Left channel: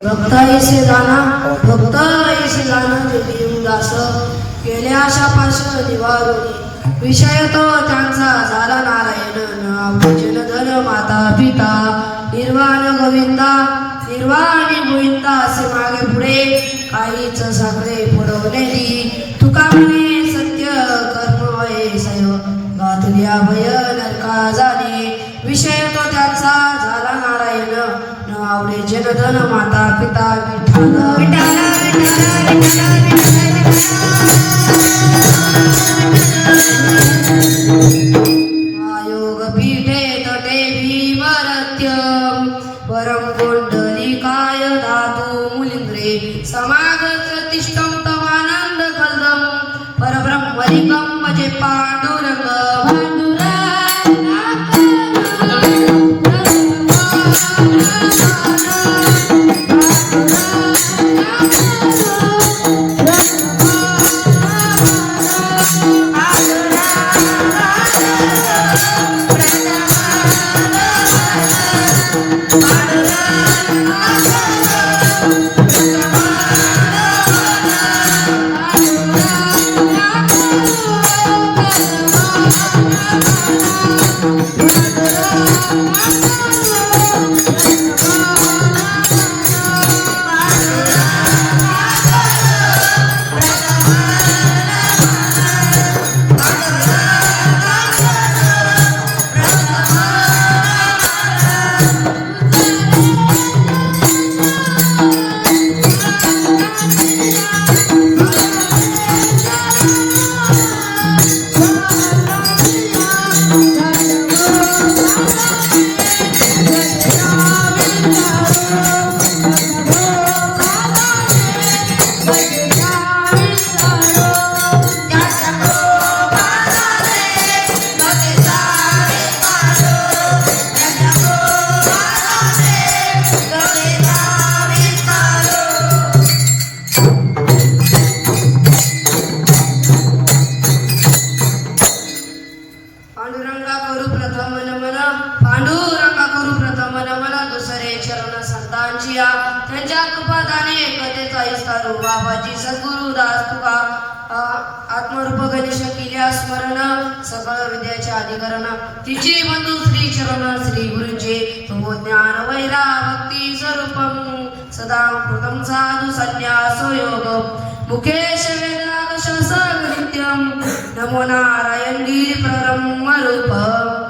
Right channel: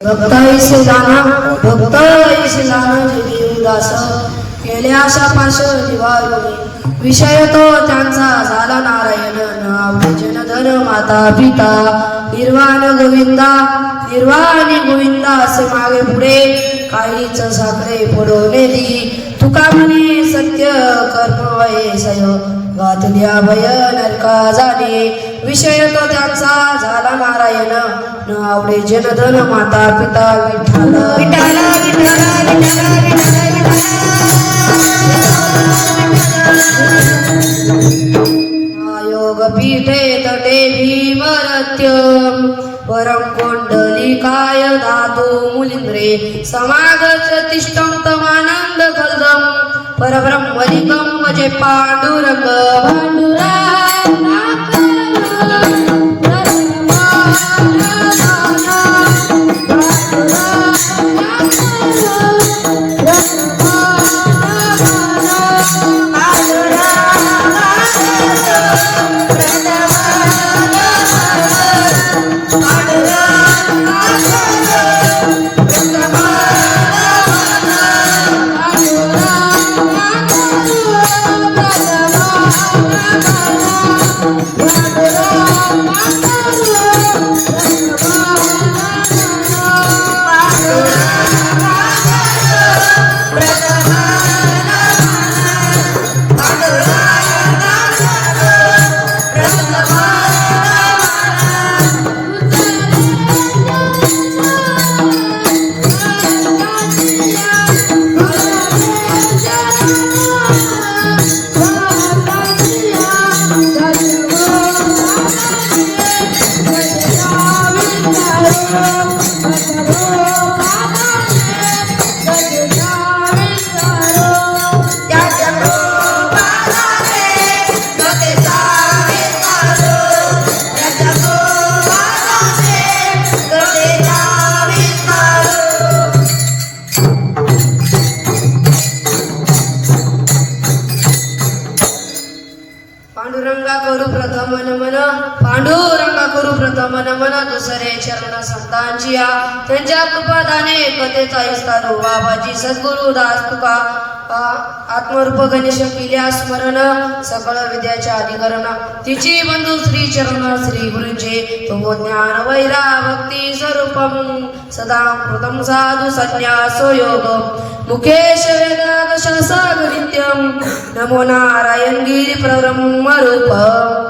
भक्ताईसलाना देवदास केल्या शापास निवारोनी विषय तो त्यांचा झाला नारायण नाव जनधर माता पिता निर्वाण गोविंदा निर्वाणी गोविंदा असे मागे पुढे काहीच साखरे पुरवलेली तुका म्हणे सत्य कर्म वयसय गातल्या भय नरका जाणे विषय तो त्यांचा झाला नारायण नावडे जनधन माता पिता विठ्ठल विठ्ठल योग पीठे तटे भीमरत्य परम कुंडलिकाय धातु मुलिंद्रे समागत तिष्ठं तमानंद कल्दम परब्रह्मलिकं भजे पांडुरंग पांडुरंगा करू प्रथम नमन पांडुरंगा करू प्रथम नमन दुसरे चरण संतांची त्यांच्या कृपादाने एकतेचा विस्तारू बाबाजी सद्गुरु दास तुका आत्मरूप गणेश केल्या स्मरण सकळ विद्याच्या अधिकरण तिची बंधू श्री चरण श्री गुरुचे तो ज्ञान वैरा भक्ती स्वरूपम सदा कृतम साधु संन्यासो योग मुकेश वेदादशसग नित्यम नमो नारायण गिरी प्रब्रह्म रूप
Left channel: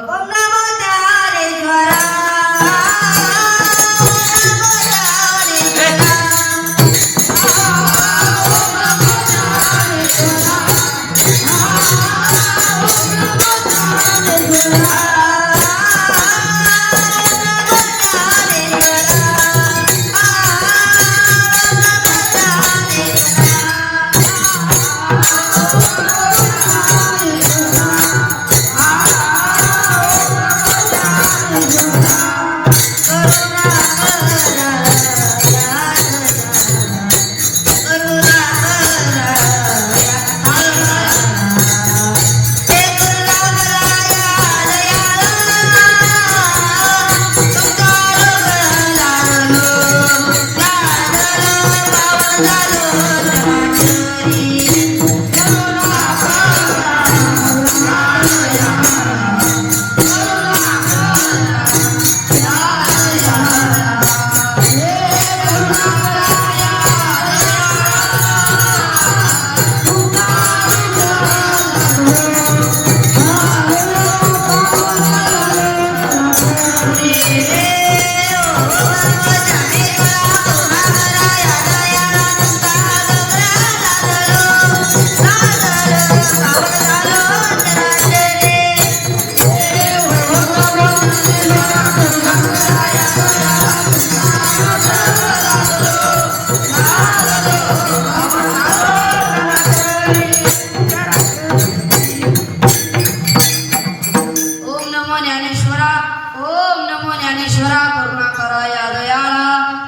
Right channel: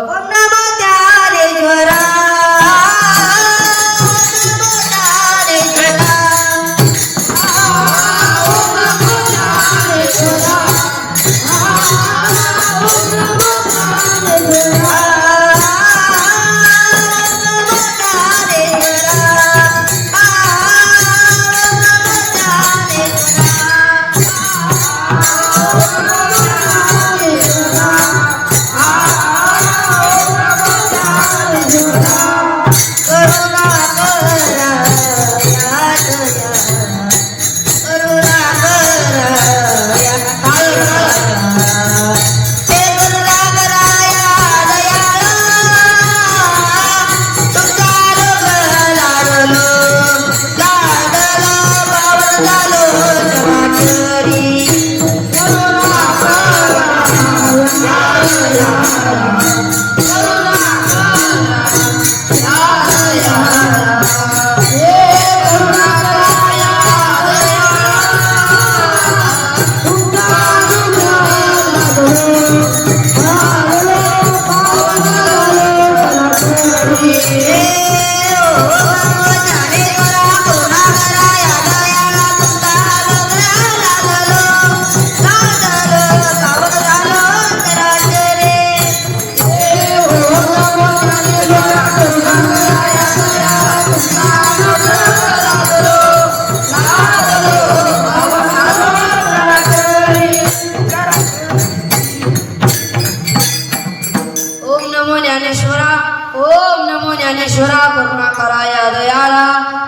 ओम नमो ज्ञानेश्वरा करुणा कराया दयाळा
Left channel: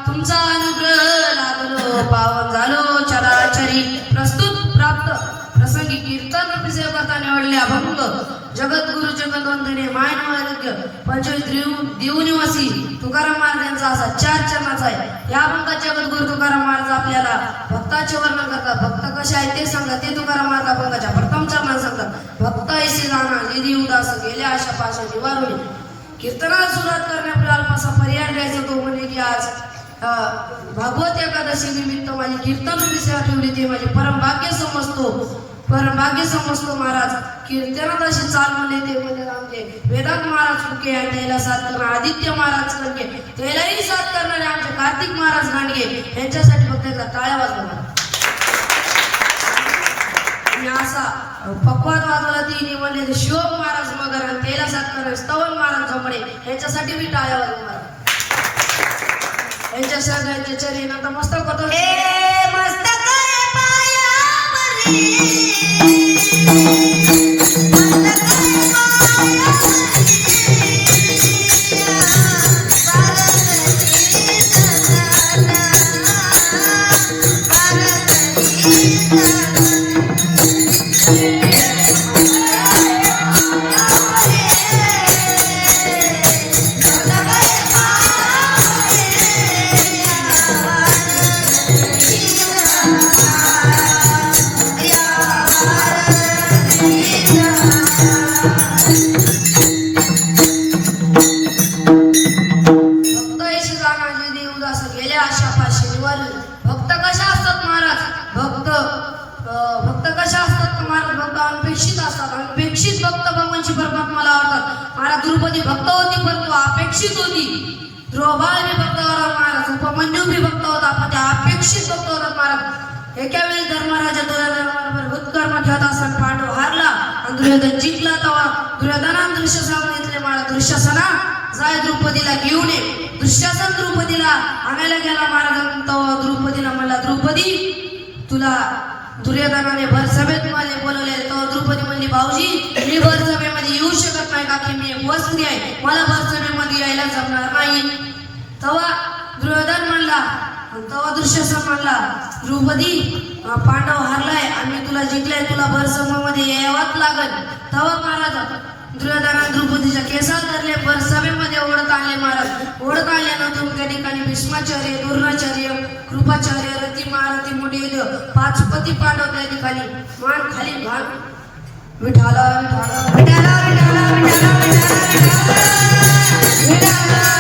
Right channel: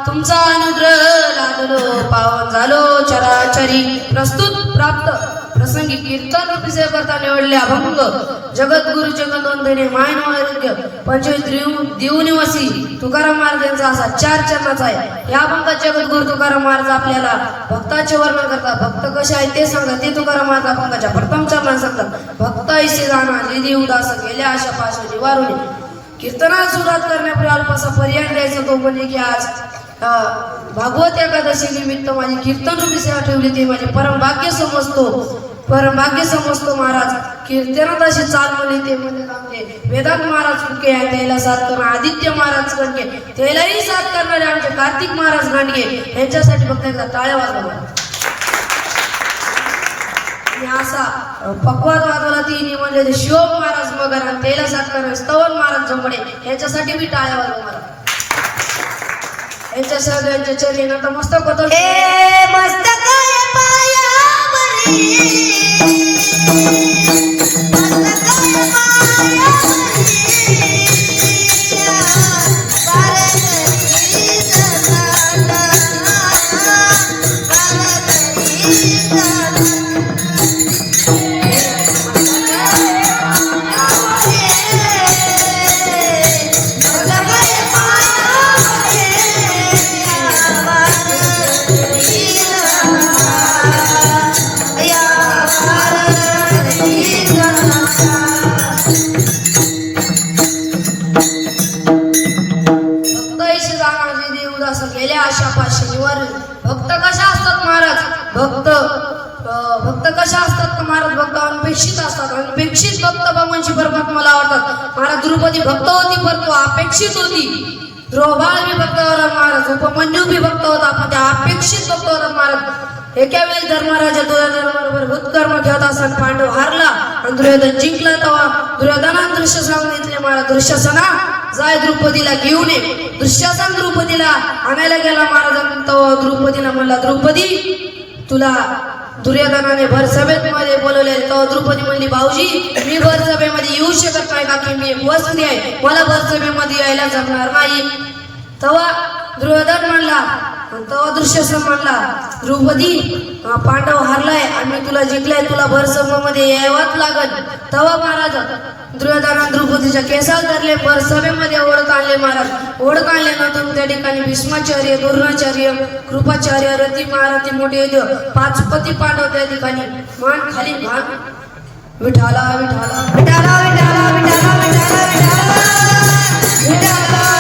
तुमचा अनुग्रह लादलो पावन झालो चराचरी प्रस्तुत प्राप्त प्रसंगी कीर्तन रूपी सेवा करता निवडले अभंग जगद्गुरु जगदवंदने मायनवारोग्य पंचवीस दिवनिवासी तुकाराम महाराज यांचा असा 4 चरणाचा आहे. या अभंगात जगद्गुरु तुकाराम महाराज आपल्याला भक्ताचे वर्णन करतात. भक्त कसे आहेत ते सांगा. ते तुकाराम महाराज अभंगाच्या प्रथम चरणात सांगतात. भक्त ऐसे जाणा निधी उदास गेल्या आशा पाश निवारुणी. कीर्तनाला सुरुवात करण्यापूर्वी अल्पसा पर्याय द्यायचा तो म्हणजे की आज भागवत एकादशी निमित्त माझी कीर्तन रूपी सेवा ठेवली ते माझे परमभाग्य समजतो महाराज. कीर्तनात अशी चाल म्हणली ते म्हणजे आमचे वेदांत महाराज फुके आहे त्याला साथ करणार आदित्य महाराज कणके त्यालाही साथ करणारे आमचे कार्तिक महाराज गांडगे यांच्यासाठी फक्त एकदा टाळ्या वाजवल्या. आणि असा पक्वाद वाजवला ती म्हणले शिवम महाराज मगर आणि त्याला साथ करणारे स्तवन महाराज जमडे यांच्यासाठी मी टाळ्या वाजवणार. यांच्या सगळ्यांच्या चरणी आता मस्तक होतो अनपेक्षित असतात. अनपेक्षित भक्त भगवानची परमात्माला आवडतात. महाराज द्रौपदी भक्त होती परंतु अपेक्षित होती. द्रौबाळ भी भक्त होता महाराज. उपमन्यू भी भक्त होता पण त्या अपेक्षित भक्त होता महाराज. एका वेळेस धर्मराजा दुर्योधनाबरोबर भूतकर्म ठेवत असताना पांडव हारला आणि दुर्योधन जिंकला. तेव्हा दुर्योधनाने दृश्य सांगितले महाराज दुःशासना जाय द्रौपदीला घेऊन ये. दुःशासन द्रौपदीला आणायला गेला महाराज. तेव्हा द्रौपदीला म्हणला द्रौपदी तुला दुर्योधनाने भरसभेत मध्ये बोलवले. तेव्हा द्रौपदी म्हणली भाऊजी मी भरसभेमध्ये येऊ शकत नाही का की मी एक वस्त्री आहे मला भरसभेमध्ये यायला जमणार नाही. तेव्हा दुर्योधन म्हणला तेव्हा दुःशासन म्हणला द्रौपदी पांडव हारलाय आणि तुला जिंकलाय तुला भरसभेमध्ये यावंच लागल. तेव्हा महाराज दुर्योधनाने द्रौपदीच्या केसात धरले भरसभेमध्ये ओढत आणले महाराज. ओढत आणल्यानंतर त्या ठिकाणी भीष्माचार्य द्रोणाचार्य कृपाचार्य रती महारथी मोठे 5 पती पांडव त्या ठिकाणी मान खाली मान विठाला विठाला विठाला विठाला विठाला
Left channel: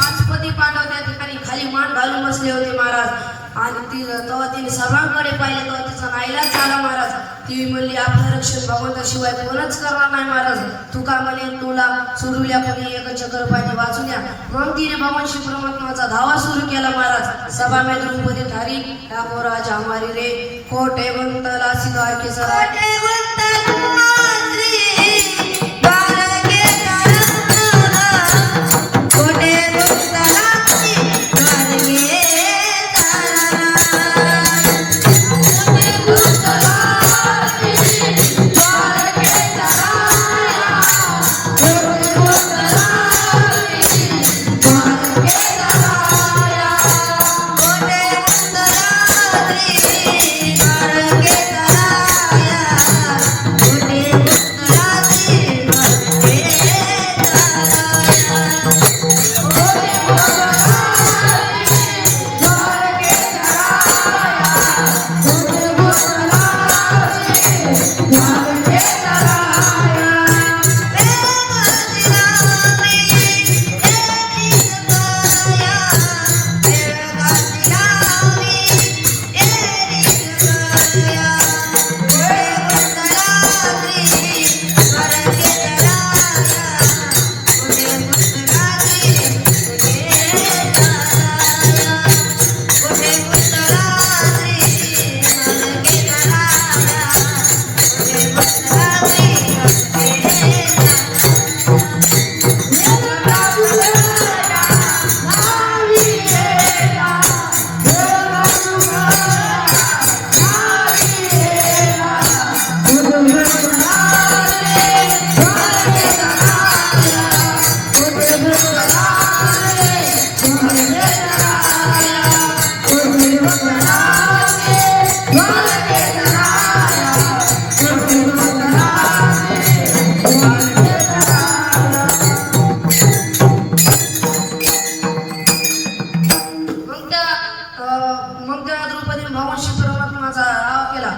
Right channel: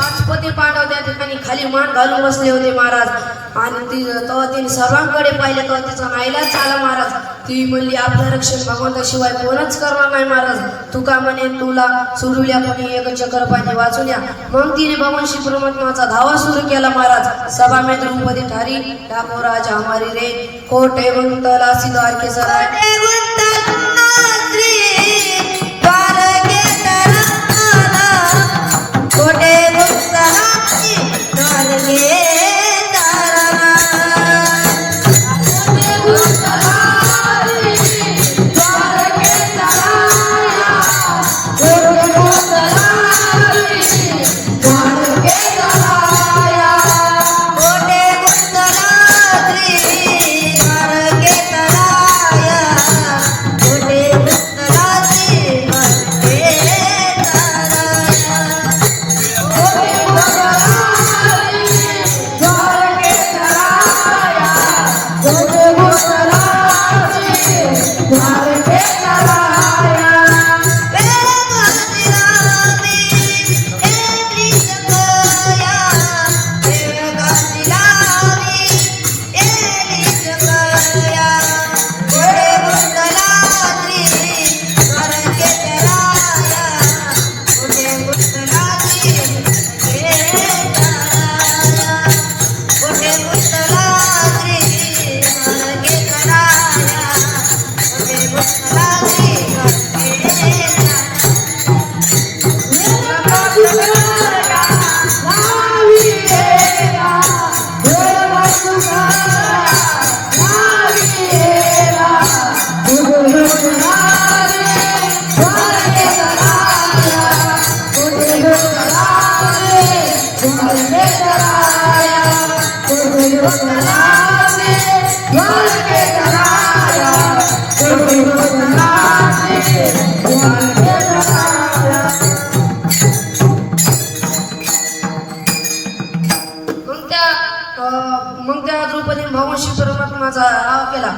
5 पती पांडव त्या ठिकाणी खाली मान घालून बसले होते महाराज. आणि तेव्हा तिने सर्वांकडे पाहिले तेव्हा तिचा नाईलाज झाला महाराज. ती म्हणली आपलं रक्षण भगवंताशिवाय कोणच करणार नाही महाराज. तुका म्हणे तुला सोडूल्या म्हणे एक चक्र पाणी वाचूल्या. मग तिने भगवान श्री परमात्माचा धावा सुरू केला महाराज. सभा में द्रौपदी ठारी डाको राजा हमारी रे कोटे वंतला सिद्धार के सर Hare मग त्या द्रौपदीने भगवान श्री परमात्माचा राव केला.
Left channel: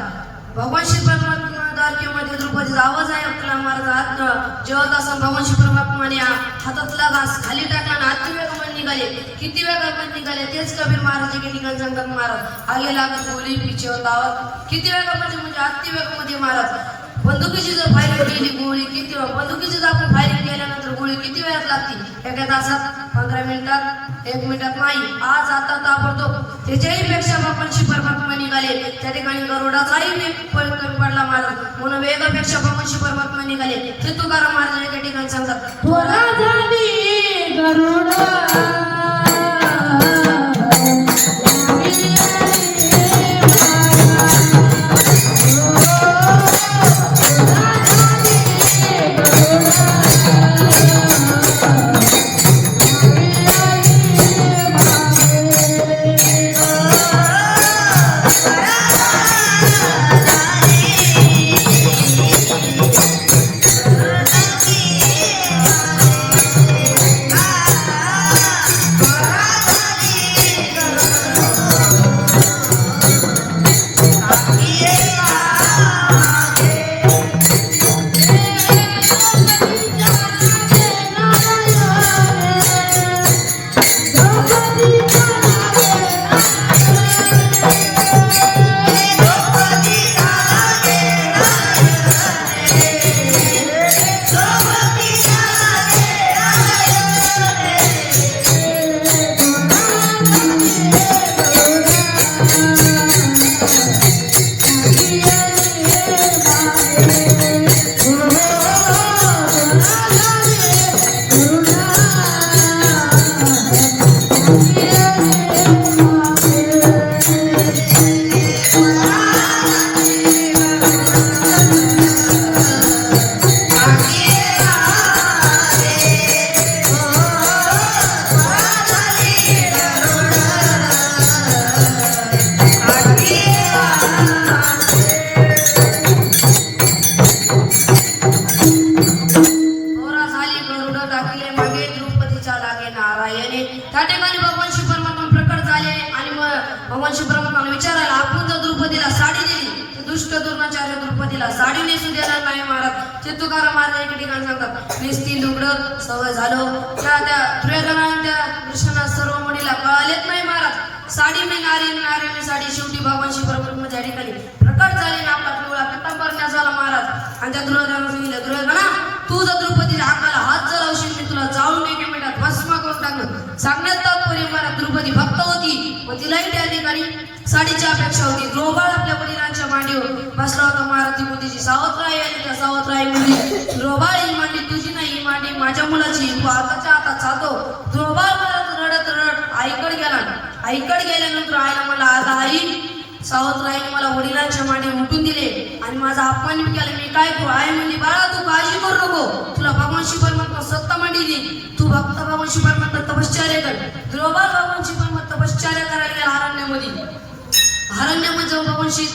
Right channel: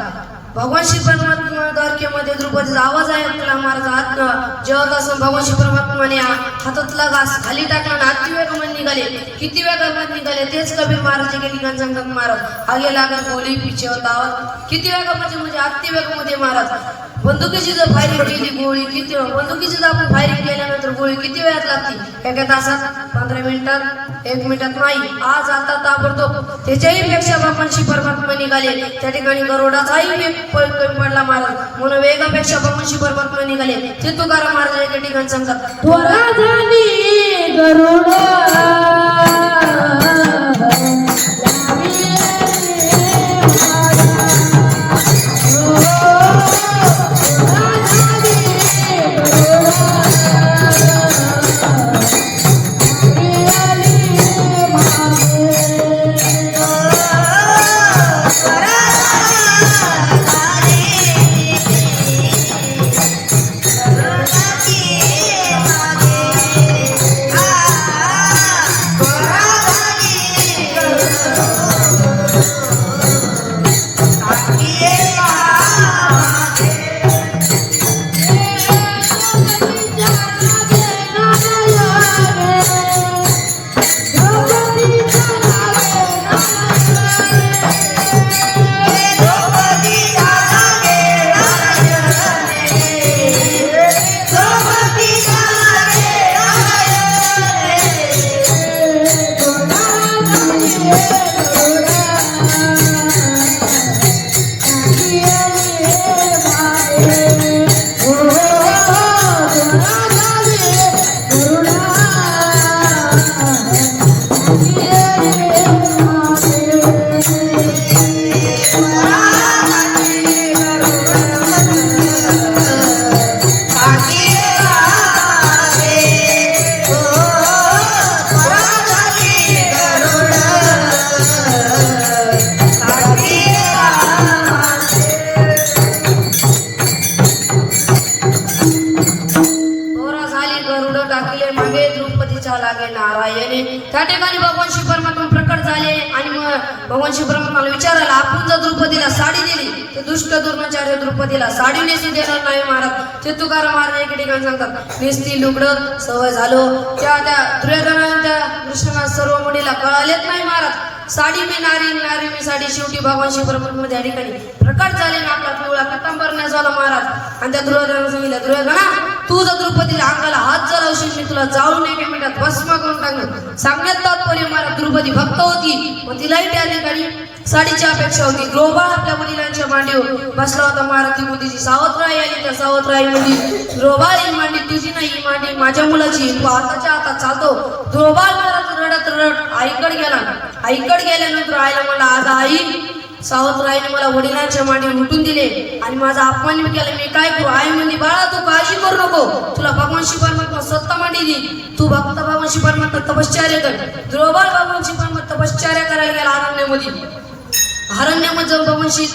भगवान श्री परमात्मा द्वारकेमध्ये द्रौपदीचा आवाज ऐकला महाराज. जेवत असं भगवान श्री परमात्माने हातातला घास खाली टाकला आणि अति वेगामध्ये निघाले. किती वेगामध्ये निघाले तेच कबीर महाराज एके ठिकाणी सांगतात महाराज. आगे लागत गोळी पिछे होता आवाज. किती वेगामध्ये म्हणजे अति वेगामध्ये महाराज. बंदुकीची जर फायरिंग केली गोळी किती बंदुकीची जर आपण फायरिंग केल्यानंतर गोळी किती वेळात लागते? एका तासात, 15 मिनिटात, 1 मिनिटात नाही. आज आता ताबडतोब त्याच्याही पेक्षा भगवान श्री परमात्मा निघाले. त्या ठिकाणी गरुडाचाही वेग कमी पडला महाराज. म्हणून वेगापेक्षा भगवान श्री परमात्मा निघाले. ते तुकाराम महाराज एका ठिकाणी सांगतात. त्वरा धरणी गरुडा त्या ठिकाणी भगवान श्री परमात्मा प्रकट झाले आणि मग भगवान श्री परमात्माला विचारायला आपण जर द्रौपदीला साडी दिली ते दुष्ट द्रोणाचार्य द्रौपदीला साडी नेसू देणार नाही महाराज. ते तुकाराम महाराज एके ठिकाणी सांगतात. नेसती लुगडत सवय झालो. त्या दुर्योधनाच्या कृष्णाला सर्व मुलीला कळालेच नाही महाराज. साडी मी नारी नारी मी साडी. शेवटी भगवान श्री परमात्मा त्या ठिकाणी प्रकट झाले ना आपला पिवळा पितांबर नेसवला महाराज. आणि त्या दुर्योधनाने सांगितलं दुर्योधना तू जर द्रौपदीला अंगाला हात जर लावशील मी तुला जाऊन 1 मिनिटात भस्म करून टाकलं. सांगण्यात तात्पर्य महाराज द्रौपदी भक्त होती. मग तिलाही त्या ठिकाणी साडीची अपेक्षा होती. द्रोबाळ आपल्या वडिलांच्या मांडीवर बसला होता महाराज. ती मुलीची सावत्राई आली. त्या सावत्राई मुली द्रोबाळ ही मांडी तुझी नाही ही मांडी माझ्या मुलाची. तू हाताच्या हातात चालतो. द्रोबाळ महाराज रडत रडत आईकडे गेला. आईकडे गेल्यानंतर आईला म्हणला आज आई सावत्राईने मला वडिलांच्या मांडी उठून दिले आणि माझा अपमान केला. मी काय करू? आई म्हणली बाळा तू काळजी करू नको. तुला भगवान श्री परमात्मा सत्ता मांडी दी. तू भक्त भगवान श्री परमात्मा तपश्चर्या कर. द्रोबाळ भगवान श्री परमात्मा तपश्चर्या करायला गेला अरण्यामध्ये. अरण्यामध्ये जाऊन भगवान श्री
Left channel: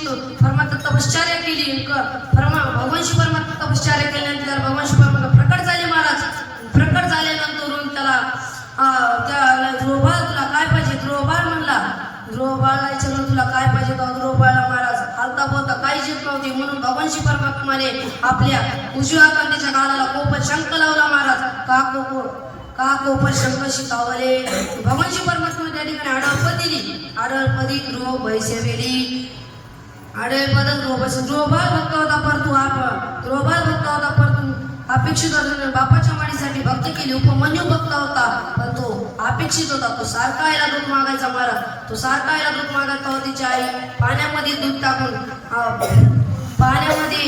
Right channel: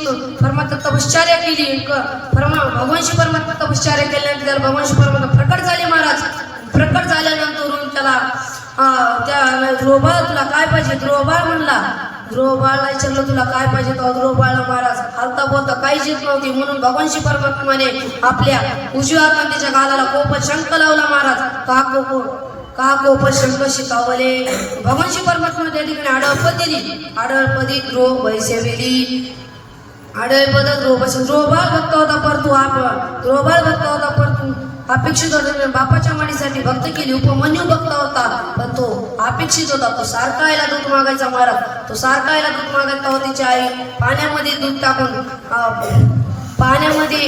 परमात्मा तपश्चर्या केली. भगवान श्री परमात्मा तपश्चर्या केल्यानंतर भगवान श्री परमात्मा प्रकट झाले महाराज. प्रकट झाल्यानंतर त्याला त्या द्रोबाळ तुला काय पाहिजे? द्रोबाळ म्हणला. द्रोबाळला विचारलं तुला काय पाहिजे? तो द्रोबाळला महाराज हालता बोलता काहीच येत नव्हती. म्हणून भगवान श्री परमात्माने आपल्या उजव्या हाताच्या गालाला कोप शंख लावला महाराज. का कोप शंख शिकावले. भगवान श्री परमात्मा त्या ठिकाणी आडळपद दिली. आडळपदी द्रोब वैसेविली. आडळपद द्रोब द्रोबाळ भक्त होता परतू द्रोबाळ भक्त होता परतू अपेक्षित होता. बापाच्या माडीसाठी भक्त केली. उपमन्यू भक्त होता पण तो अपेक्षित होता. तो सारखा आईला दूध मागायचा महाराज. तो सारखा आईला दूध मागायचा होता. तिची आई पाण्यामध्ये दूध टाकून पाण्यामध्ये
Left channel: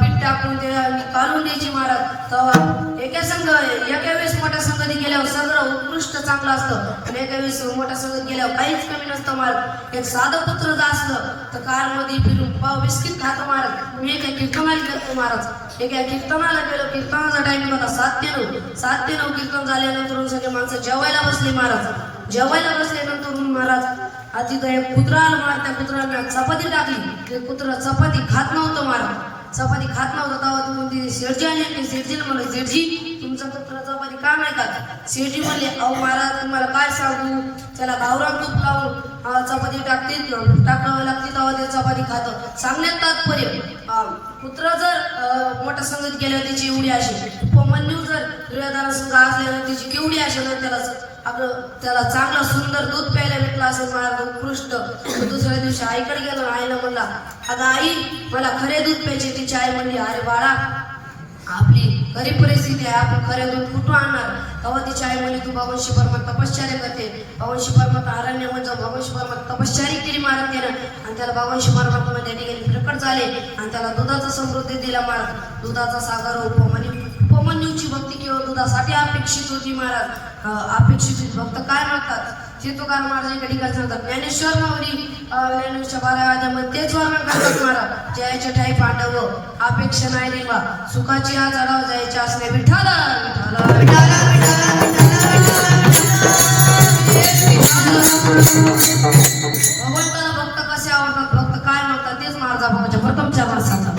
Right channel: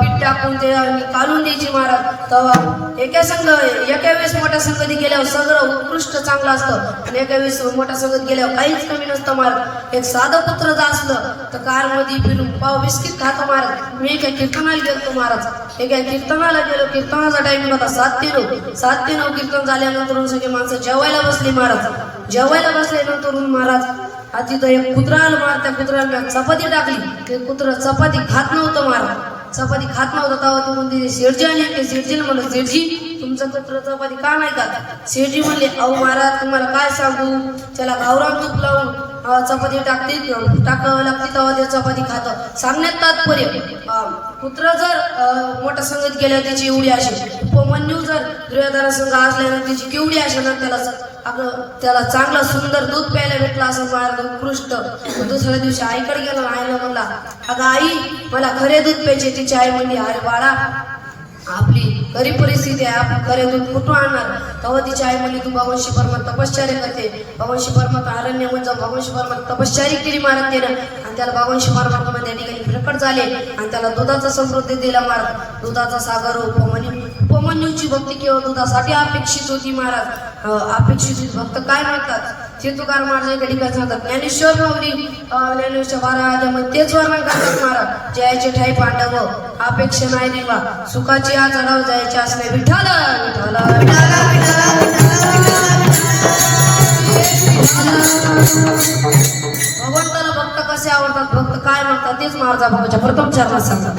पीठ टाकून ते काढून द्यायची महाराज. तेव्हा एका वेळेस मोठ्या संगती गेल्यावर सगळं उत्कृष्ट चांगलं असतं आणि एका वेळेस मोठ्या संगत गेल्यावर काहीच कमी नसतं महाराज. एक साधं पुत्र जर असलं तर कारमध्ये फिरून पाव बिस्किट खातो महाराज. मी एका कीर्तनाला गेलो महाराज. एका कीर्तनाला गेलो. कीर्तनाचा टाइम होता 7 ते 9 कीर्तन झाल्यानंतर सगळे माणसं जेवायला बसले महाराज. जेवायला बसल्यानंतर महाराज तिथं एक कुत्रा आलं महाराज. त्या कुत्र्याला चपाती टाकली. ते कुत्रा चपाती खात नव्हतं महाराज. चपाती खात नव्हतं. तेव्हा तू म्हणते शेठजी आली. शेठजीला म्हणलं शेठजी तुमचं कुत्र चपाती का नाही खात? शेठजी म्हणले अहो महाराज तुम्हाला काय सांगू त्याला गावरान तूप लावून चपाती टाकावं लागते तेव्हा ते चपाती खातं. सांगण्यात तात्पर्य पुत्र जर मोठ्या संगीत गेल्यावर त्याची एवढी असेल, उपमन्यू जर दुर्योधना संघ असल्यावर त्याची केवढी असेल, त्याला चांगलं सुंदर दूध प्यायला भेटलं असं मार्ग उत्कृष्ट. दुसऱ्या दिवशी आईकडे गेलो, आईला म्हणला अगं आई मला खरे दूध प्यायचे. तिची आई म्हणली अरे बाळा आपली गरीब परिस्थिती आहे, आपण खरे दूध कुठून आणणार. तेव्हा तिची आई म्हणली तू भगवान श्री परमात्मा तपश्चर्या करते, भगवान श्री परमात्मा अरण्य म्हणजे भगवान श्री परमात्मा तपश्चर्या केली महाराज त्यानं, आणि त्याला भगवान श्री परमात्मा त्या ठिकाणी प्रकट झाले आणि त्याला दुधाचा समृद्धी दिला महाराज. दुधाचा सागर उपमन्यूची भक्ती केवळ दुधासाठी अपेक्षित होती महाराज. अपेक्षित भक्त काय म्हणतात ते तुकाराम महाराज एका ठिकाणी सांगतात. ज्ञानेश्वर माऊली ज्ञानेश्वर 12 अध्यायामध्ये तेच वर्णन करतात महाराज. जयाचे ठाई पांडव अपेक्षा नाही देवा, सुखाची आजाराव जायचे असणे विठ्ठल विठ्ठल भगवंताला भक्त कसे आवडतात, भक्त काय म्हणतात तेच महाराजा भगवानच्या प्रथम चरणात सांगतात.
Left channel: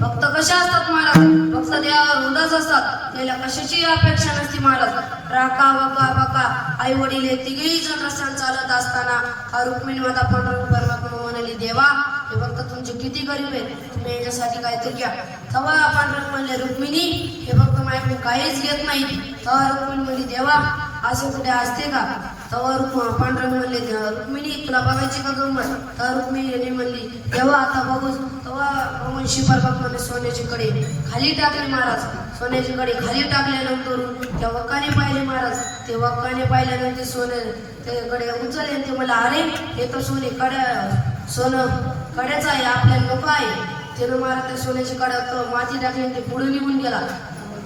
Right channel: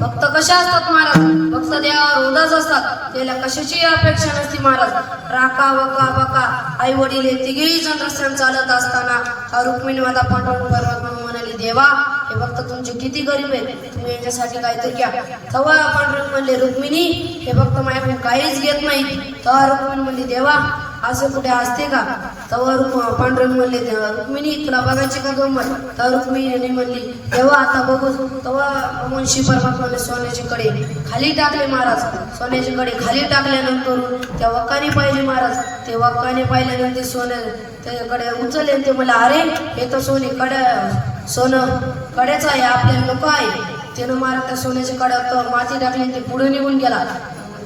भक्त कशा असतात महाराज, भक्त देवावर उदास असतात, त्याला कशाची अपेक्षा नसती महाराज. राका वका बका आई वडील हे तिघेही जण रस्त्याने चालत असताना रुक्मिणी माता पांडुरंग म्हणाली देवा हे भक्त तुमचे किती गरीब आहेत, तुम्ही याच्यासाठी काहीतरी घ्या. तेव्हा पांडुरंग म्हणले रुक्मिणी हे भक्त माझ्याकडून काहीच घेत नाहीत. तेव्हा रुक्मिणी म्हणली देवा असं कुठे असते का. तेव्हा पांडुरंग म्हणले रुक्मिणी तुला बघायची का गंमत. तर रुक्मिणी म्हणली तेव्हा आता बघू. तेव्हा भगवान श्री परमात्माने सोन्याची कडे खाली टाकले महाराज. सोन्याची कडे खाली टाकल्यानंतर त्या वक्काने पाहिले महाराज. ते वक्काने पाहिल्यानंतर सोन्याकडे उचलले ते मला अरे हे तर सोनं कड्याचं आहे, आपल्याला नको आहे. त्यानं महाराज त्या सोन्याच्या कड्यात माती टाकली ते पुढे निघून गेला.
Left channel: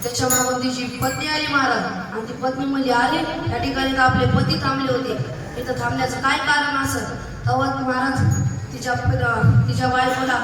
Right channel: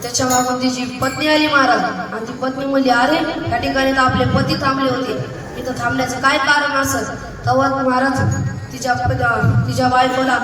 त्याच्या मागून तिची पत्नी आली महाराज आणि ती पत्नी म्हणली अरे या ठिकाणी तर आपले पती थांबले होते, इथं थांबण्याचं काय कारण असत. तेव्हा महाराज तिच्या बायकोला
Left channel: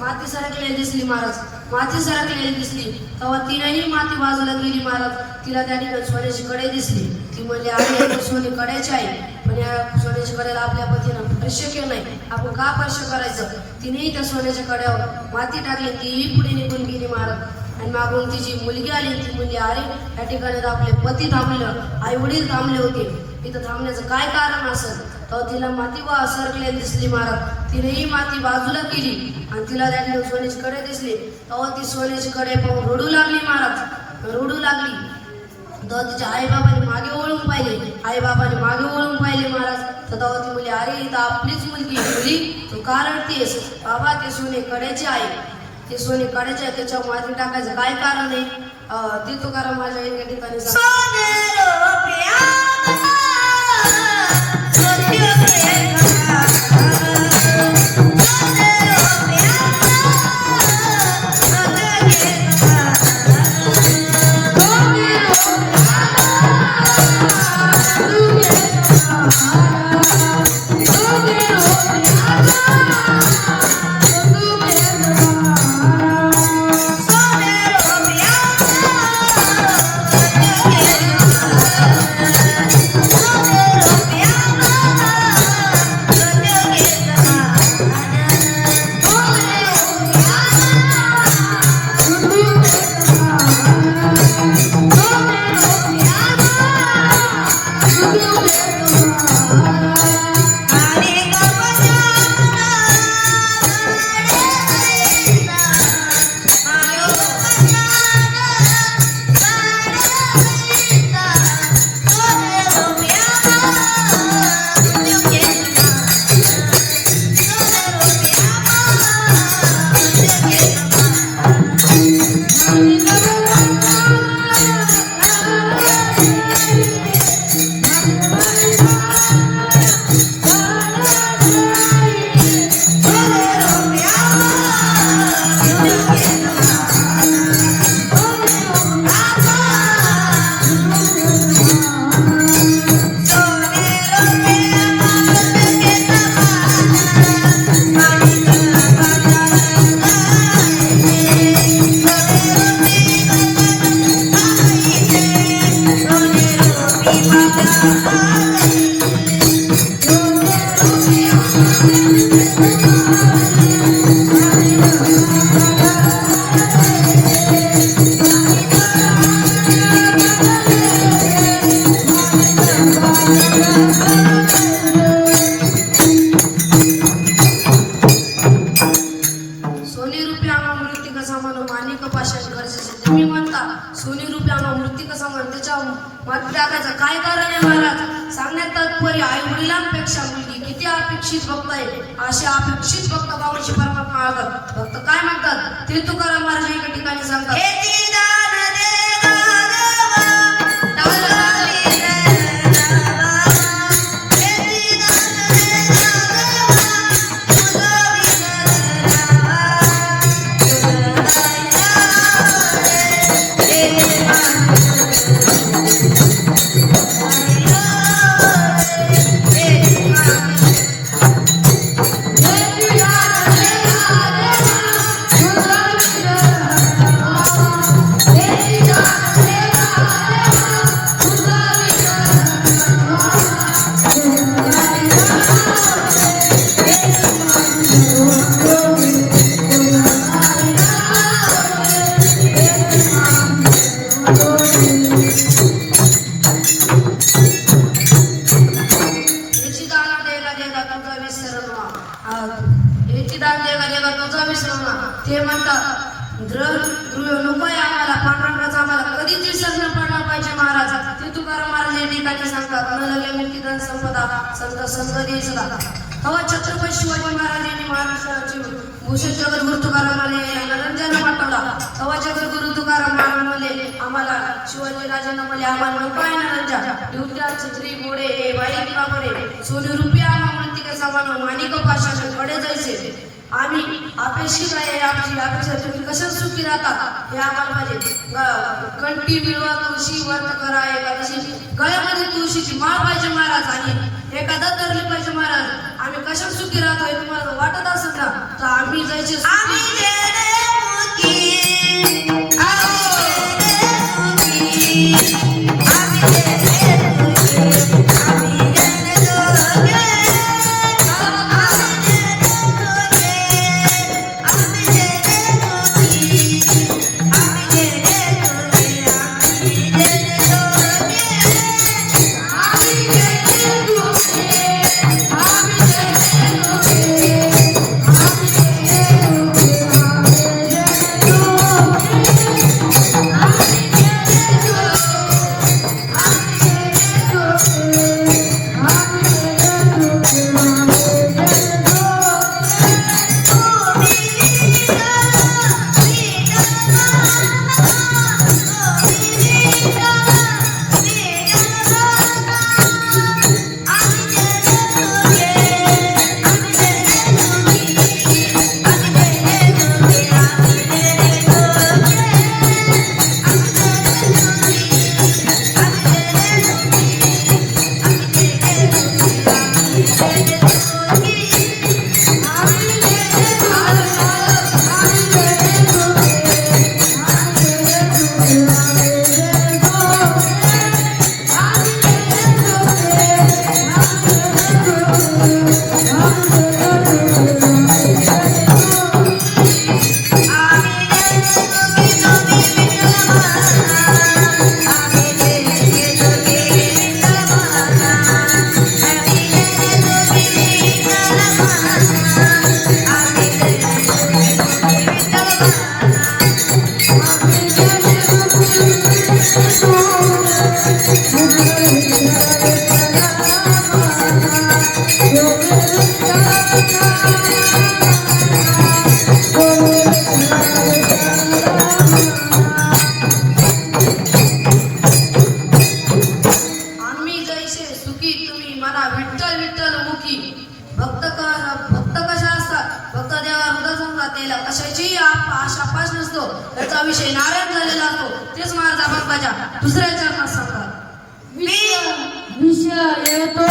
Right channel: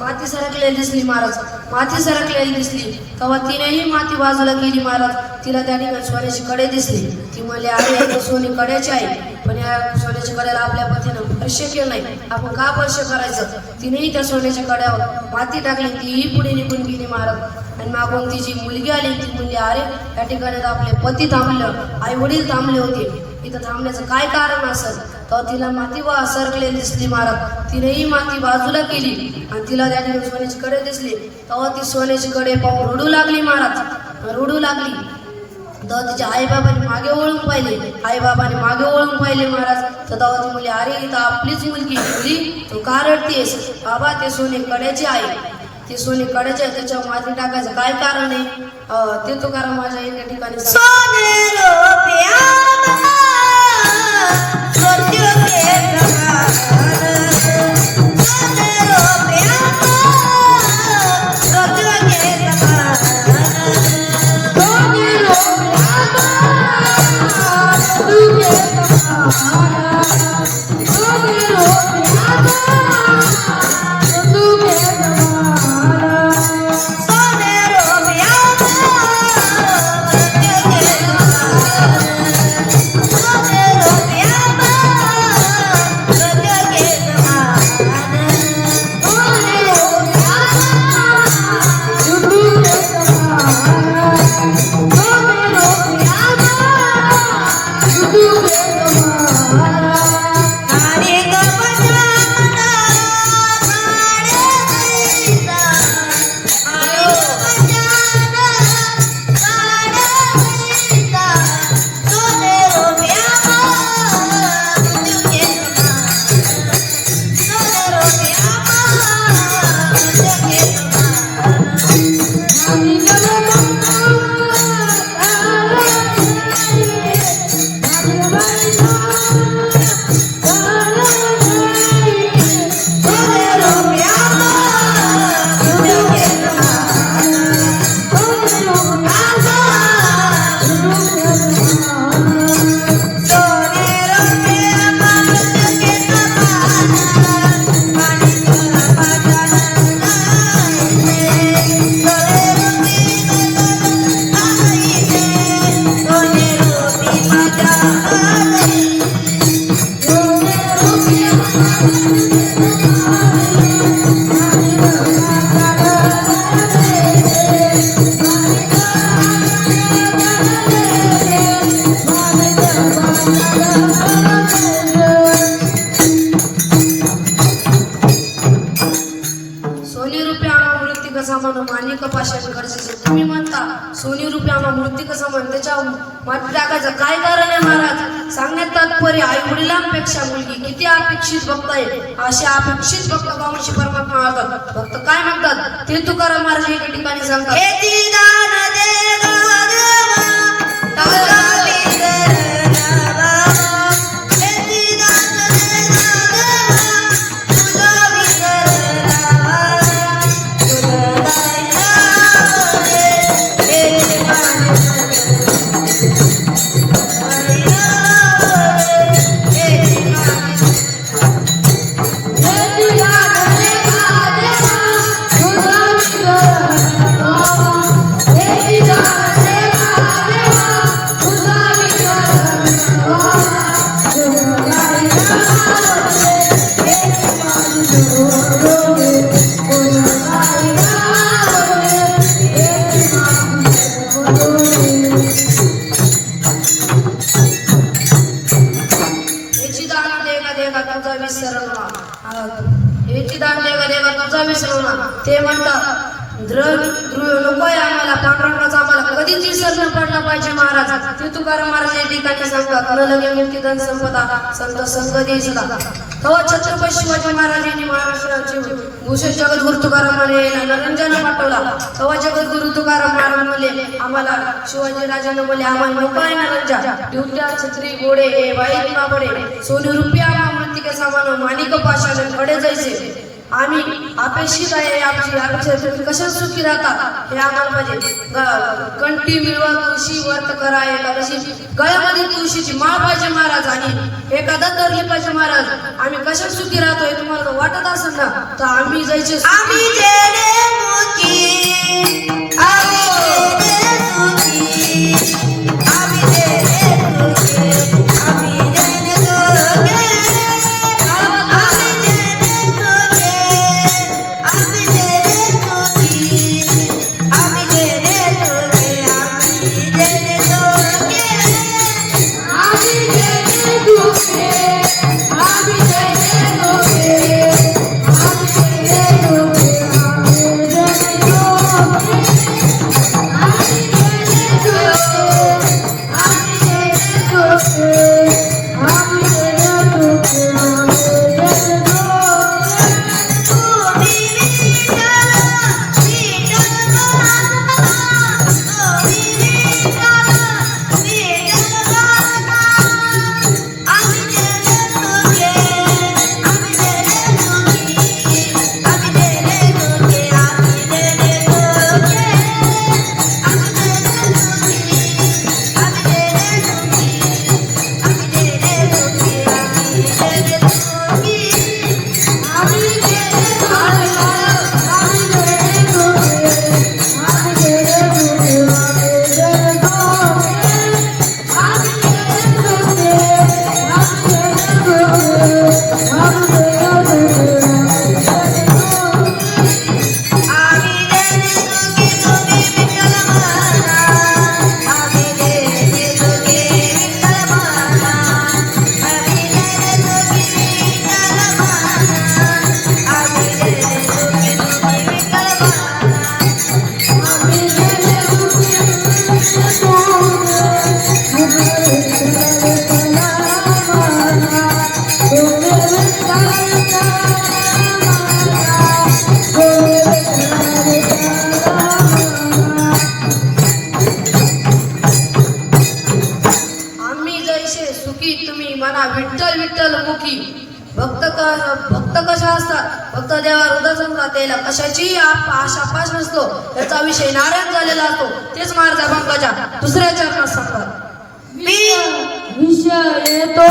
माती सरकलेली दिसली महाराज. माती सरकलेली दिसली तेव्हा तिनेही माती बाजूला गेली महाराज. तिला त्या ठिकाणी सोन्याची कडे दिसली. ती म्हणली अरे सोनी कड्याची आहे, पण या सोन्याच्या कड्याला आपल्या पतीनं स्पर्श केलाय. आपण का स्पर्श करायचं? तिनेही त्या सोन्याच्या कड्यावर माती टाकली, तीही पुढे निघून गेली महाराज. आणि मागून तिची मुलगी आली. ती मुलगी, अरे या ठिकाणी तर आपले पती थांबलं, आई वडील थांबले होते, इथं थांबण्याचं काय कारण असेल? तर तिला माती सरकलेली दिसली महाराज. तिनेही माती बाजूला केली आणि तिला त्या ठिकाणी सोन्याची कडे दिसली. तेव्हा ती सोन्याची कडे पाहून रडू लागली महाराज. रडू लागली तर तिच्या आईबाबांनी मागे वळून पाहिले. आईबाबांनी मागे वळून पाहिले महाराज. तर तेव्हा ती मुली, अरे इथं आपलीच मुलगी मुली, तू का रडतेस? बाबा ते सोने कड्याचे आहे, ती सोने कड्याचे आहे, त्याच्यावर माती टाकायचं काय कारण आहे? ते तो कारण माझ्या एका ठिकाणी तुम्ही म्हणता सोनी रुपये आम्हा मृत्यू कसं म्हणते त्याच्या माती टाकायचं काय कारण आहे महाराज? सांगण्यात तात्पर्य आई वडिलांपेक्षा मुलगी किती अपेक्षित भक्त आहे. असे अपेक्षित भक्त गावची परमात्मा मागतात. भक्त काय म्हणतात ते तुकाराम महाराज एका ठिकाणी सांगतात, ते म्हणतात नकोय आम्हाला पांडुरंगाचा आम्हाला कधीच विसरणं पडला पाहिजे महाराज. ते तुकाराम महाराज या ठिकाणी सांगतात, न लगे मुक्तीधन संपदा संत संगती सदा. तेव्हा छत्रपती शिवाजी महाराजांनी महाराष्ट्राचे भूषण जगद्गुरु तुकाराम महाराज नरंजन पाठवला. तेव्हा जगद्गुरु तुकाराम महाराज म्हणले आम्हाला, शिवाजी राजांना म्हणले आम्हाला नको आहे नरंजा, युद्धा छत्री घोडे हे वाईट कापडे सोने रुपये आम्हा मृत्तिका सामान माणिक पाषाण कडे जायचे. आम्ही अपेक्षित आहे आमची अपेक्षा, तुम्ही कशा सुखी राहता हे आम्हाला पाहिजे. कंठी मिळवा तुळशी व्रत करा एकादशी, गळ्यामध्ये तुळशीची माळ पाहिजे महाराज आणि एखादा धरली पाहिजे महाराज. आम्ही कशा सुखी राहतो हे तुम्हाला वाटत असेल ना तर आम्ही जायचे त्याला कशाची आशा पास नसतो. त्याचा विषय नारायण झालेला असतो. तेच महाराज अभंगाच्या दुसऱ्या चरणात सांगतात. विषय येतो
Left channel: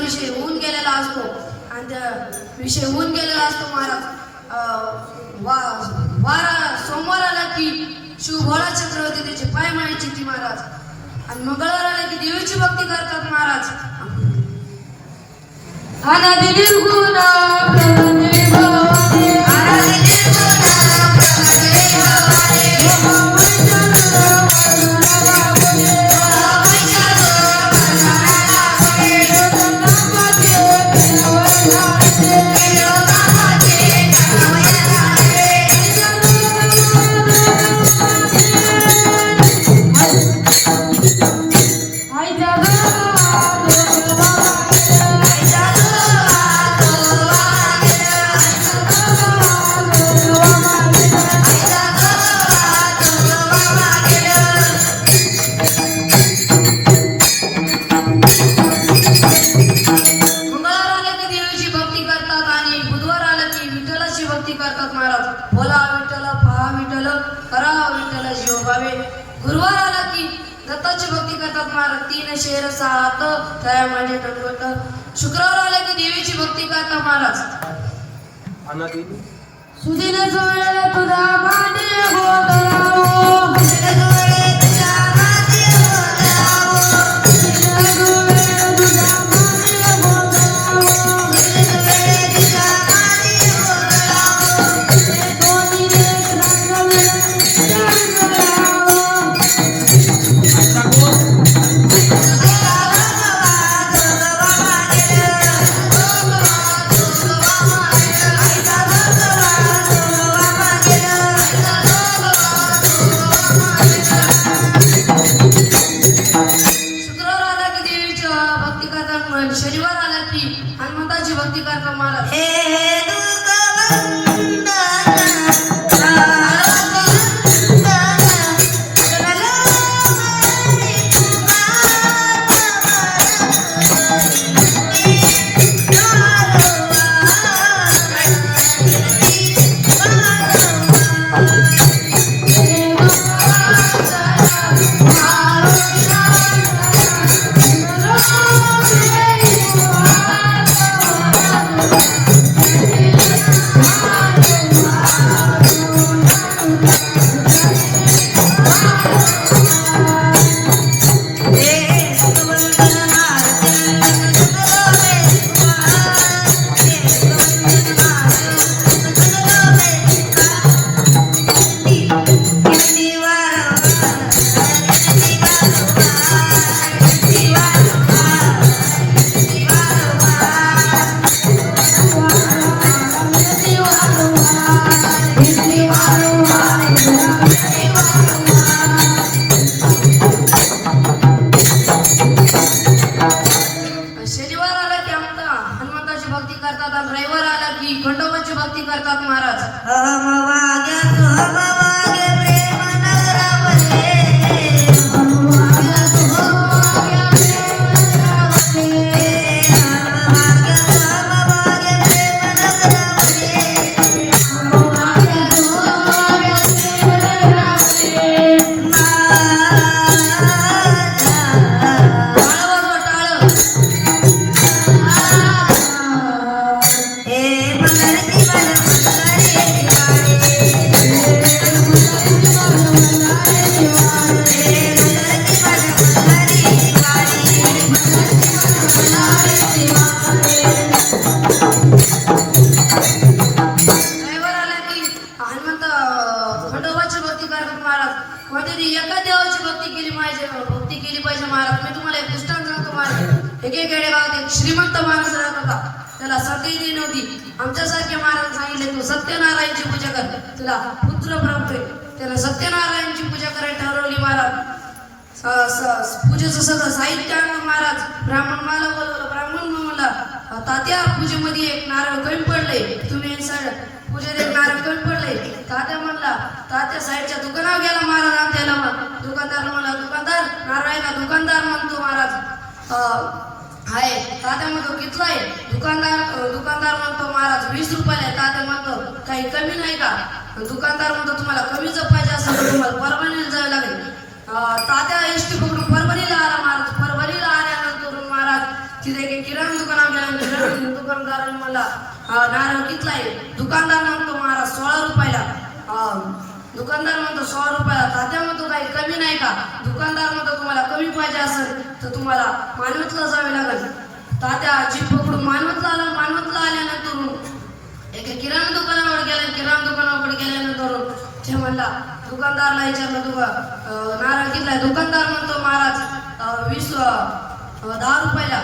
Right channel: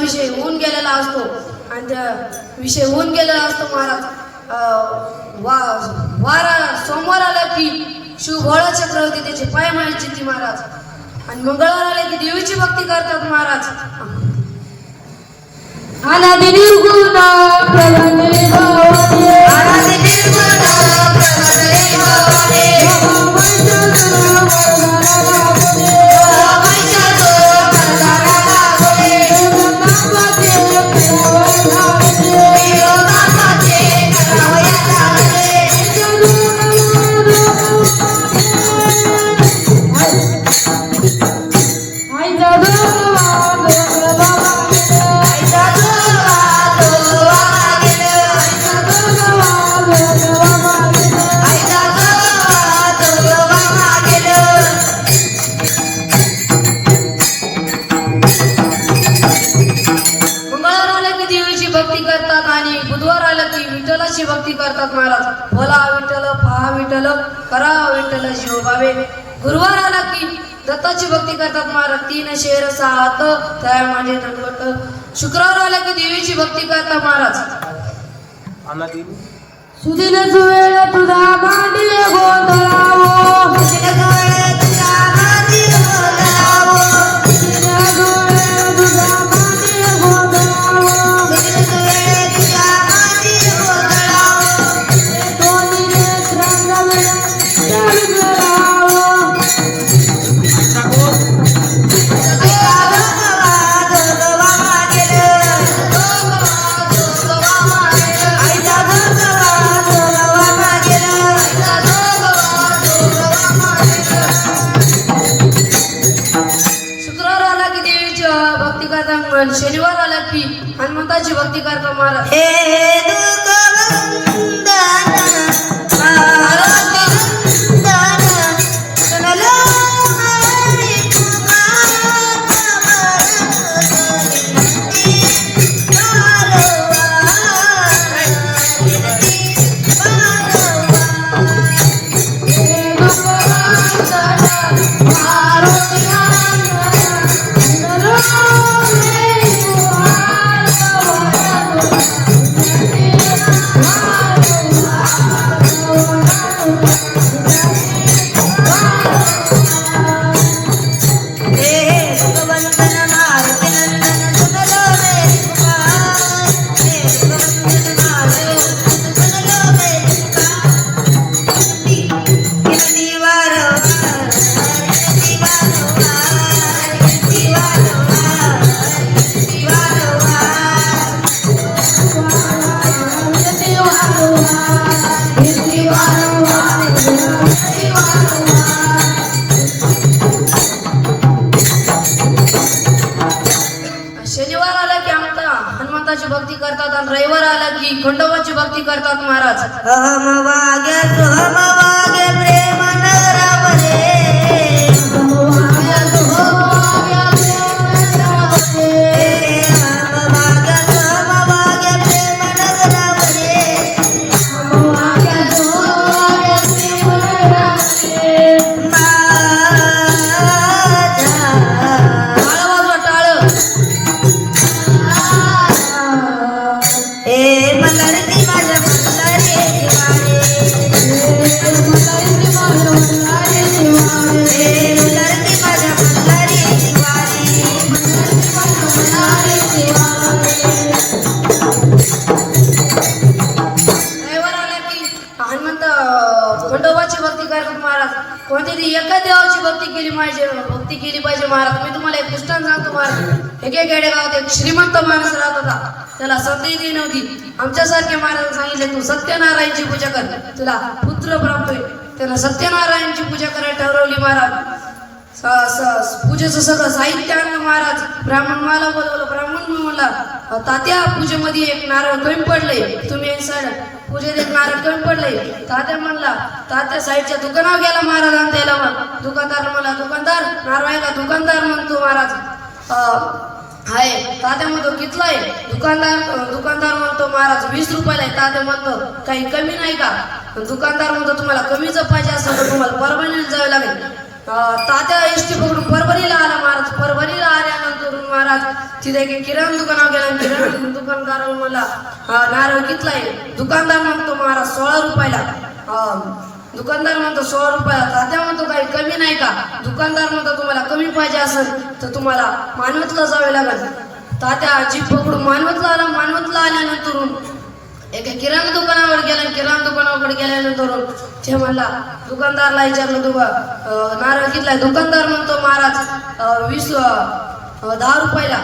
विषय होऊन गेलेला असतो आणि त्या विषय होऊन गेलेला असतो महाराज. सोमवार आला की शिवभोळा चक्रवर्ती त्याचे पाय मायची ती महाराज आणि मंगळवार आले की देवीची भक्ती करतात महाराज. अनादि निर्गुण प्रभुने भवते, अनादि निर्गुण प्रभुने भक्ती करतात महाराज. बोला विठ्ठल, पहा विठ्ठल, करा विठ्ठल जीव भावे. गुरुवार आला की दत्ताची भक्ती करतात महाराज. 3 शेर 6 हात त्या माझे दंडवत. शुक्रवार आला की देवीची भक्ती करतात महाराज. सुदिनच वेळ तुझा मांडी गोंधळावो, शनिवार आला की हनुमंताची भक्ती करतो महाराज. की खंडोबाची भक्ती करतात महाराज. अहमवागे सुहमवागे प्रेम नरवले खंडोबाची भक्ती करतात महाराज. कोणत्याही एका देवाची भक्ती केली पाहिजे महाराज. मी तुम्हाला एक दृष्टांत सांगतो महाराज. एके खेडेगावात एक श्रीमंत माणूस राहत होता. त्याला सतीती नव्हती. आमच्यासारखे महाराज सांगितले तू सत्यनारायणची पूजा कर, तुला पुत्र प्राप्त होईल. त्याला सत्यनारायणची पूजा करायला ठरवली महाराज. पूजेचं सगळं साहित्य आणलं महाराज. ब्राह्मण मला बोलवलं. ब्राह्मण म्हणला तात्या पूजेमध्ये एक नारळ कमी पडले, तुम्ही एक साईड पूजेत एक नारळ कमी पडले. तात्या म्हणला तात्या साईडच्या दुकानावर गेला महाराज आणि त्याला दुकानदार म्हणला दुकानदार नारळ आहे का? दुकानदार म्हणतो महाराज हाय. तात्या म्हणतो कितला आहे? दुकानदार म्हणतो महाराज 20 रुपयाला आहे. तात्या म्हणतो काही कमी नाही का? दुकानदार म्हणतो तुम्हाला कमीच पाहिजे असेल तर तुम्हाला परभणीला जावे लागेल. तात्या एसटी पकडून परभणीला आला महाराज. परभणीला आल्यानंतर महाराज तिथे एक किराणा दुकानावर गेला. दुकानदाराला मला नारळ कितला आहे? दुकानदार म्हणतो महाराज 16 रुपयाला. दुकानदार म्हणतो 16 रुपयाला. तात्या म्हणतो काही कमी नाही का? दुकानदार म्हणतो तुम्हाला कमी पाहिजे असेल तर तुम्हाला मानवतला जावे लागेल. तात्या जीप पकडून मानवतला आला. मानवतला आल्यानंतर एक किराणा दुकानावर गेला. किराणा दुकानावर गेल्यानंतर ते म्हणला दुकानदारला विचारलं नारळ कितला? दुकानदार म्हणतो महाराज 10 रुपयाला.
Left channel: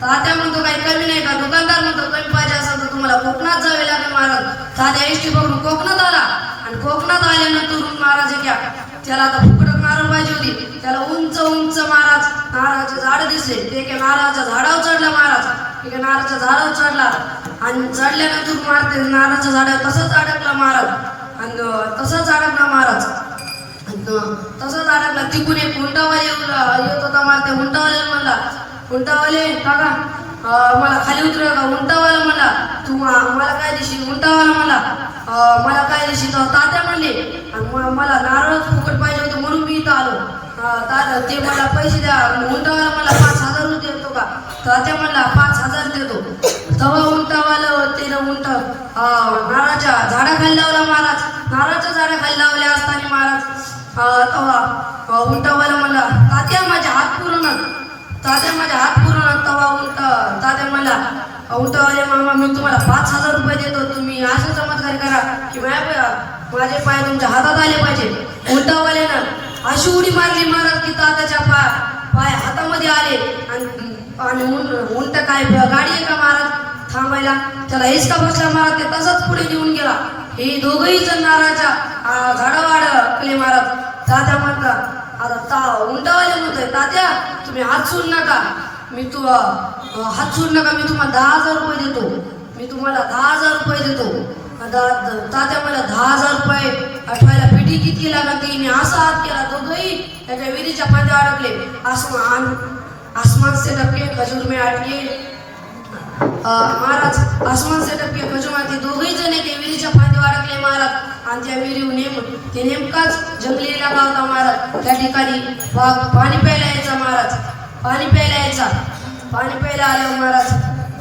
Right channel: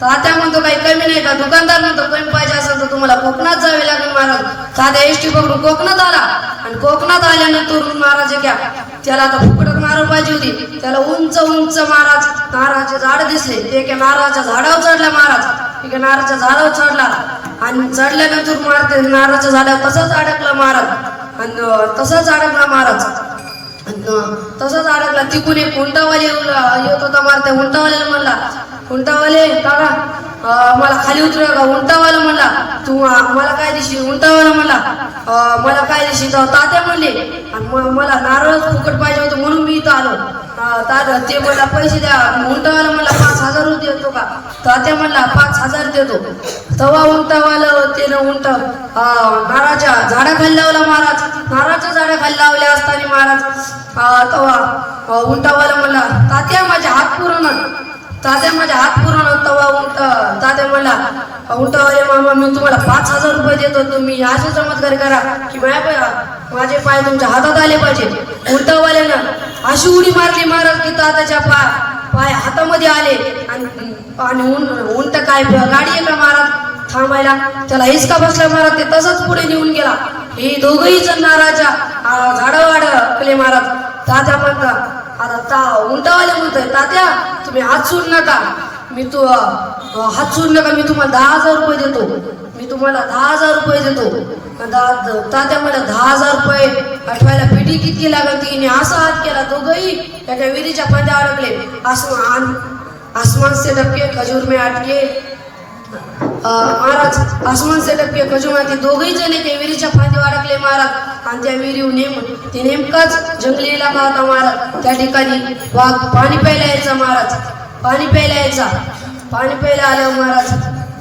तात्या म्हणतो काही कमी नाही का? दुकानदार म्हणतो कमी पाहिजे असेल तर तुम्हाला कोकणात जावे लागेल महाराज. तात्या एसटी पकडून कोकणात आला. आणि कोकणात आल्यानंतर महाराज घ्या त्याला आता फुकटच नारळ पाहिजे होती. त्याला उंच उंच महाराज नारळाचे झाड दिसले. ते एका नारळाच्या झाडावर चढला महाराज. एका नारळाच्या झाडावर चढला आणि चढल्यानंतर महाराज नारळाच्या झाडावर तसंच अडकला महाराज. आणि तसंच अडकला महाराज. तसंच अडकला. तिकून एक हुंटावाले येत होता महाराज. त्या हुंटावाल्याला म्हणला हुंटावाले काका मला खाली उतरूया का? हुंटावाला म्हणला तू मला काय दिशी? हुंटावाला म्हणला मला काय दिशी? तात्या म्हणले मला नारळ फुकट पाहिजे होतं म्हणून मी इथं आलो. तात्या ते मला पैसे द्या. हुंटावाला म्हणला 5,000 देतो का? तात्या म्हणला 5,000 देतो. तवा उंटावाला त्यानं उंट नारळाच्या झाडाखाली लावला महाराज. नारळाच्या झाडाखाली लावले असताना महाराज तवा उंटावाला म्हणला तात्या माझे हात पुरण. तात्या माझे हात पुरण. तवा उंट तात्या म्हणला उंटावाले मामा मी तुम्हाला 5,000 रुपये देतो. तुम्ही असं चमत्कार करा की माझे पाय तुमच्या हातात आले पाहिजे. उंटावाल्यानं अशी उडी मारली महाराज की तात्याच्या पाय हातामध्ये आले. आणि उंट काय गाडी आहे का महाराज थांबायला? त्याला हिसका बसला महाराज. ते तसंच पुढे निघून गेला. हे दोघही जण नारळाच्या झाडावर अडकले महाराज. तात्या म्हणतात आता उंटावाले म्हणतोय तात्या तुम्ही हात सोडू नका. हात सोडू नका. मी तुम्हाला 10,000 रुपये देतो. मी तुम्हाला 10,000 रुपये देतो. तात्या मला 10,000 रुपये आठवायला पिढी किती लागत? तिने असा हात केला. दोघंही त्याच्या विहिरीच्या फांद्या अडकले. आसमान से टपके खजूर में अटके महाराज. आसमान से टपके खजूर मध्ये दोघही जण त्या विहिरीच्या फांद्यावर अडकले महाराज. आणि त्या विहिरीवर ते नेमकाच जंगली इलाका होता महाराज. त्या ठिकाणी वाघ पाणी प्यायला यायचा महाराज. पाणी प्यायला आल्यावर महाराज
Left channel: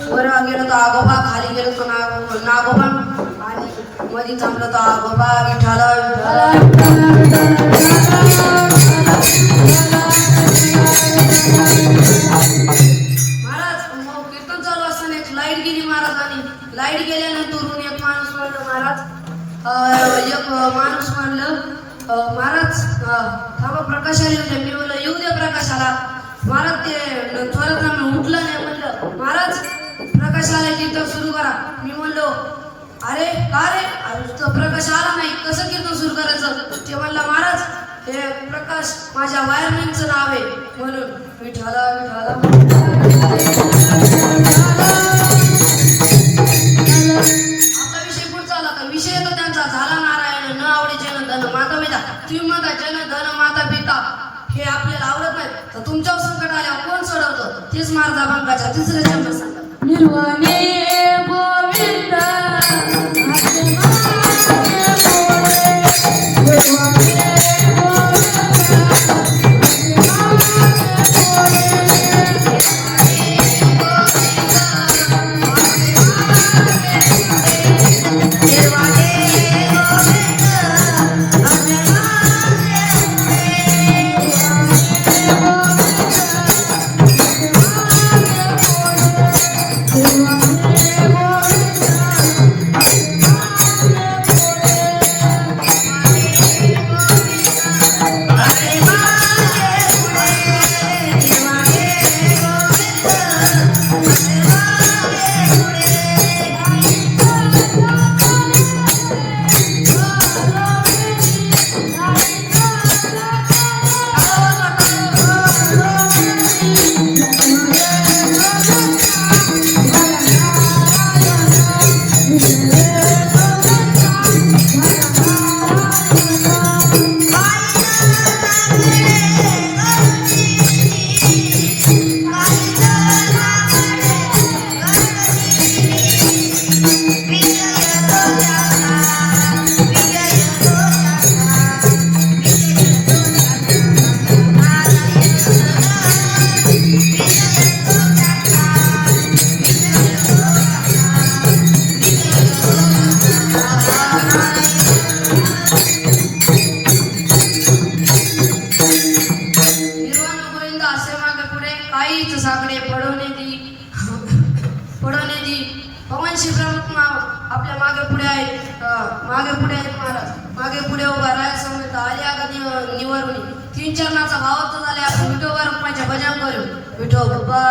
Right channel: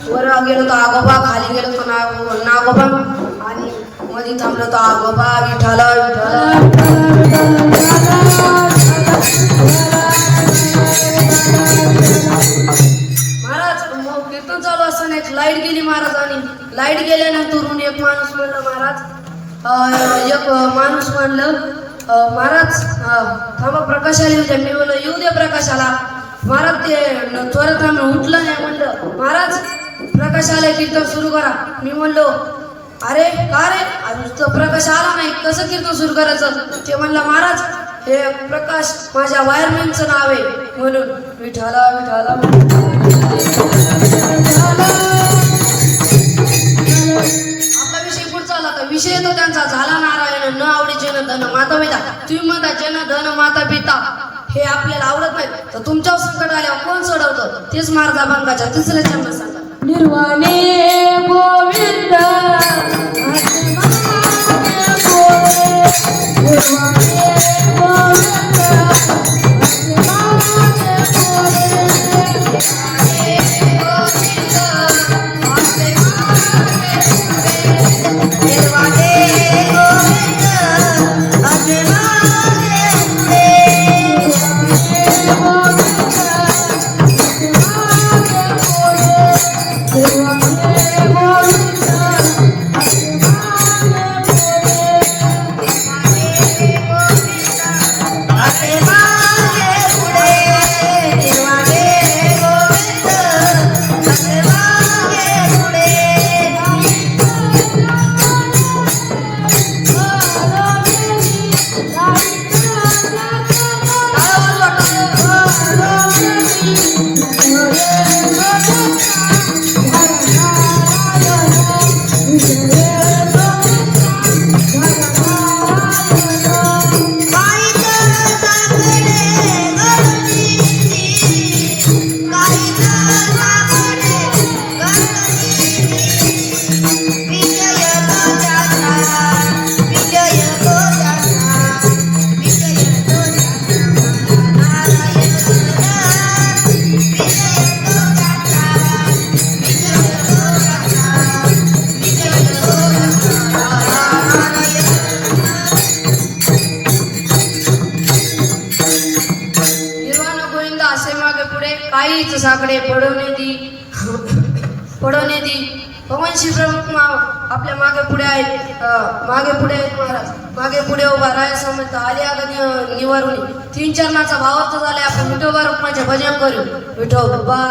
वर गेलो तो आगोबा, खाली गेलो तो नागोबा आणि मध्ये थांबलो तो आगोबा. विठाला महाराज कीर्तन चालू असताना एक लाईट गेली महाराज. आणि लाईट गेल्यानंतर एक माणूस म्हणलं महाराज महाराज थांबा प्रकाश आले. मी म्हणलं येऊ दे प्रकाशाला. महाराज ते त्वरित उठलं नाही. म्हणलं महाराज प्रकाश आले कीर्तन सुरू करा. मी म्हणलो अरे का रे प्रकाश आला नाही कसं कीर्तन सुरू करायचं? ते म्हणलं महाराज हे प्रकाश माझ्या वायरमॅनचं नाव आहे म्हणून. विठाला विठाला धन माता पिता. तुम्ही म्हणता जन धन माता पिता हे आपल्याला आवडत नाही, तर तुमच्यावर संकट आल्यावर कोण सोडवतं? तेच महाराज अभंगाच्या तिसऱ्या चरण सांगतात. निर्वाणे गोविंद साकडे पडवणे दी पवनशी प्रमुख आपल्या मागे पुढे आहेत महाराज. मागे पुढे उभा राय समर्थ आले अगदी निवारुणी. 3 चरणाचा भावार्थ झाले. आपण विठोबा रुक्माचे भजन करू. विठोबा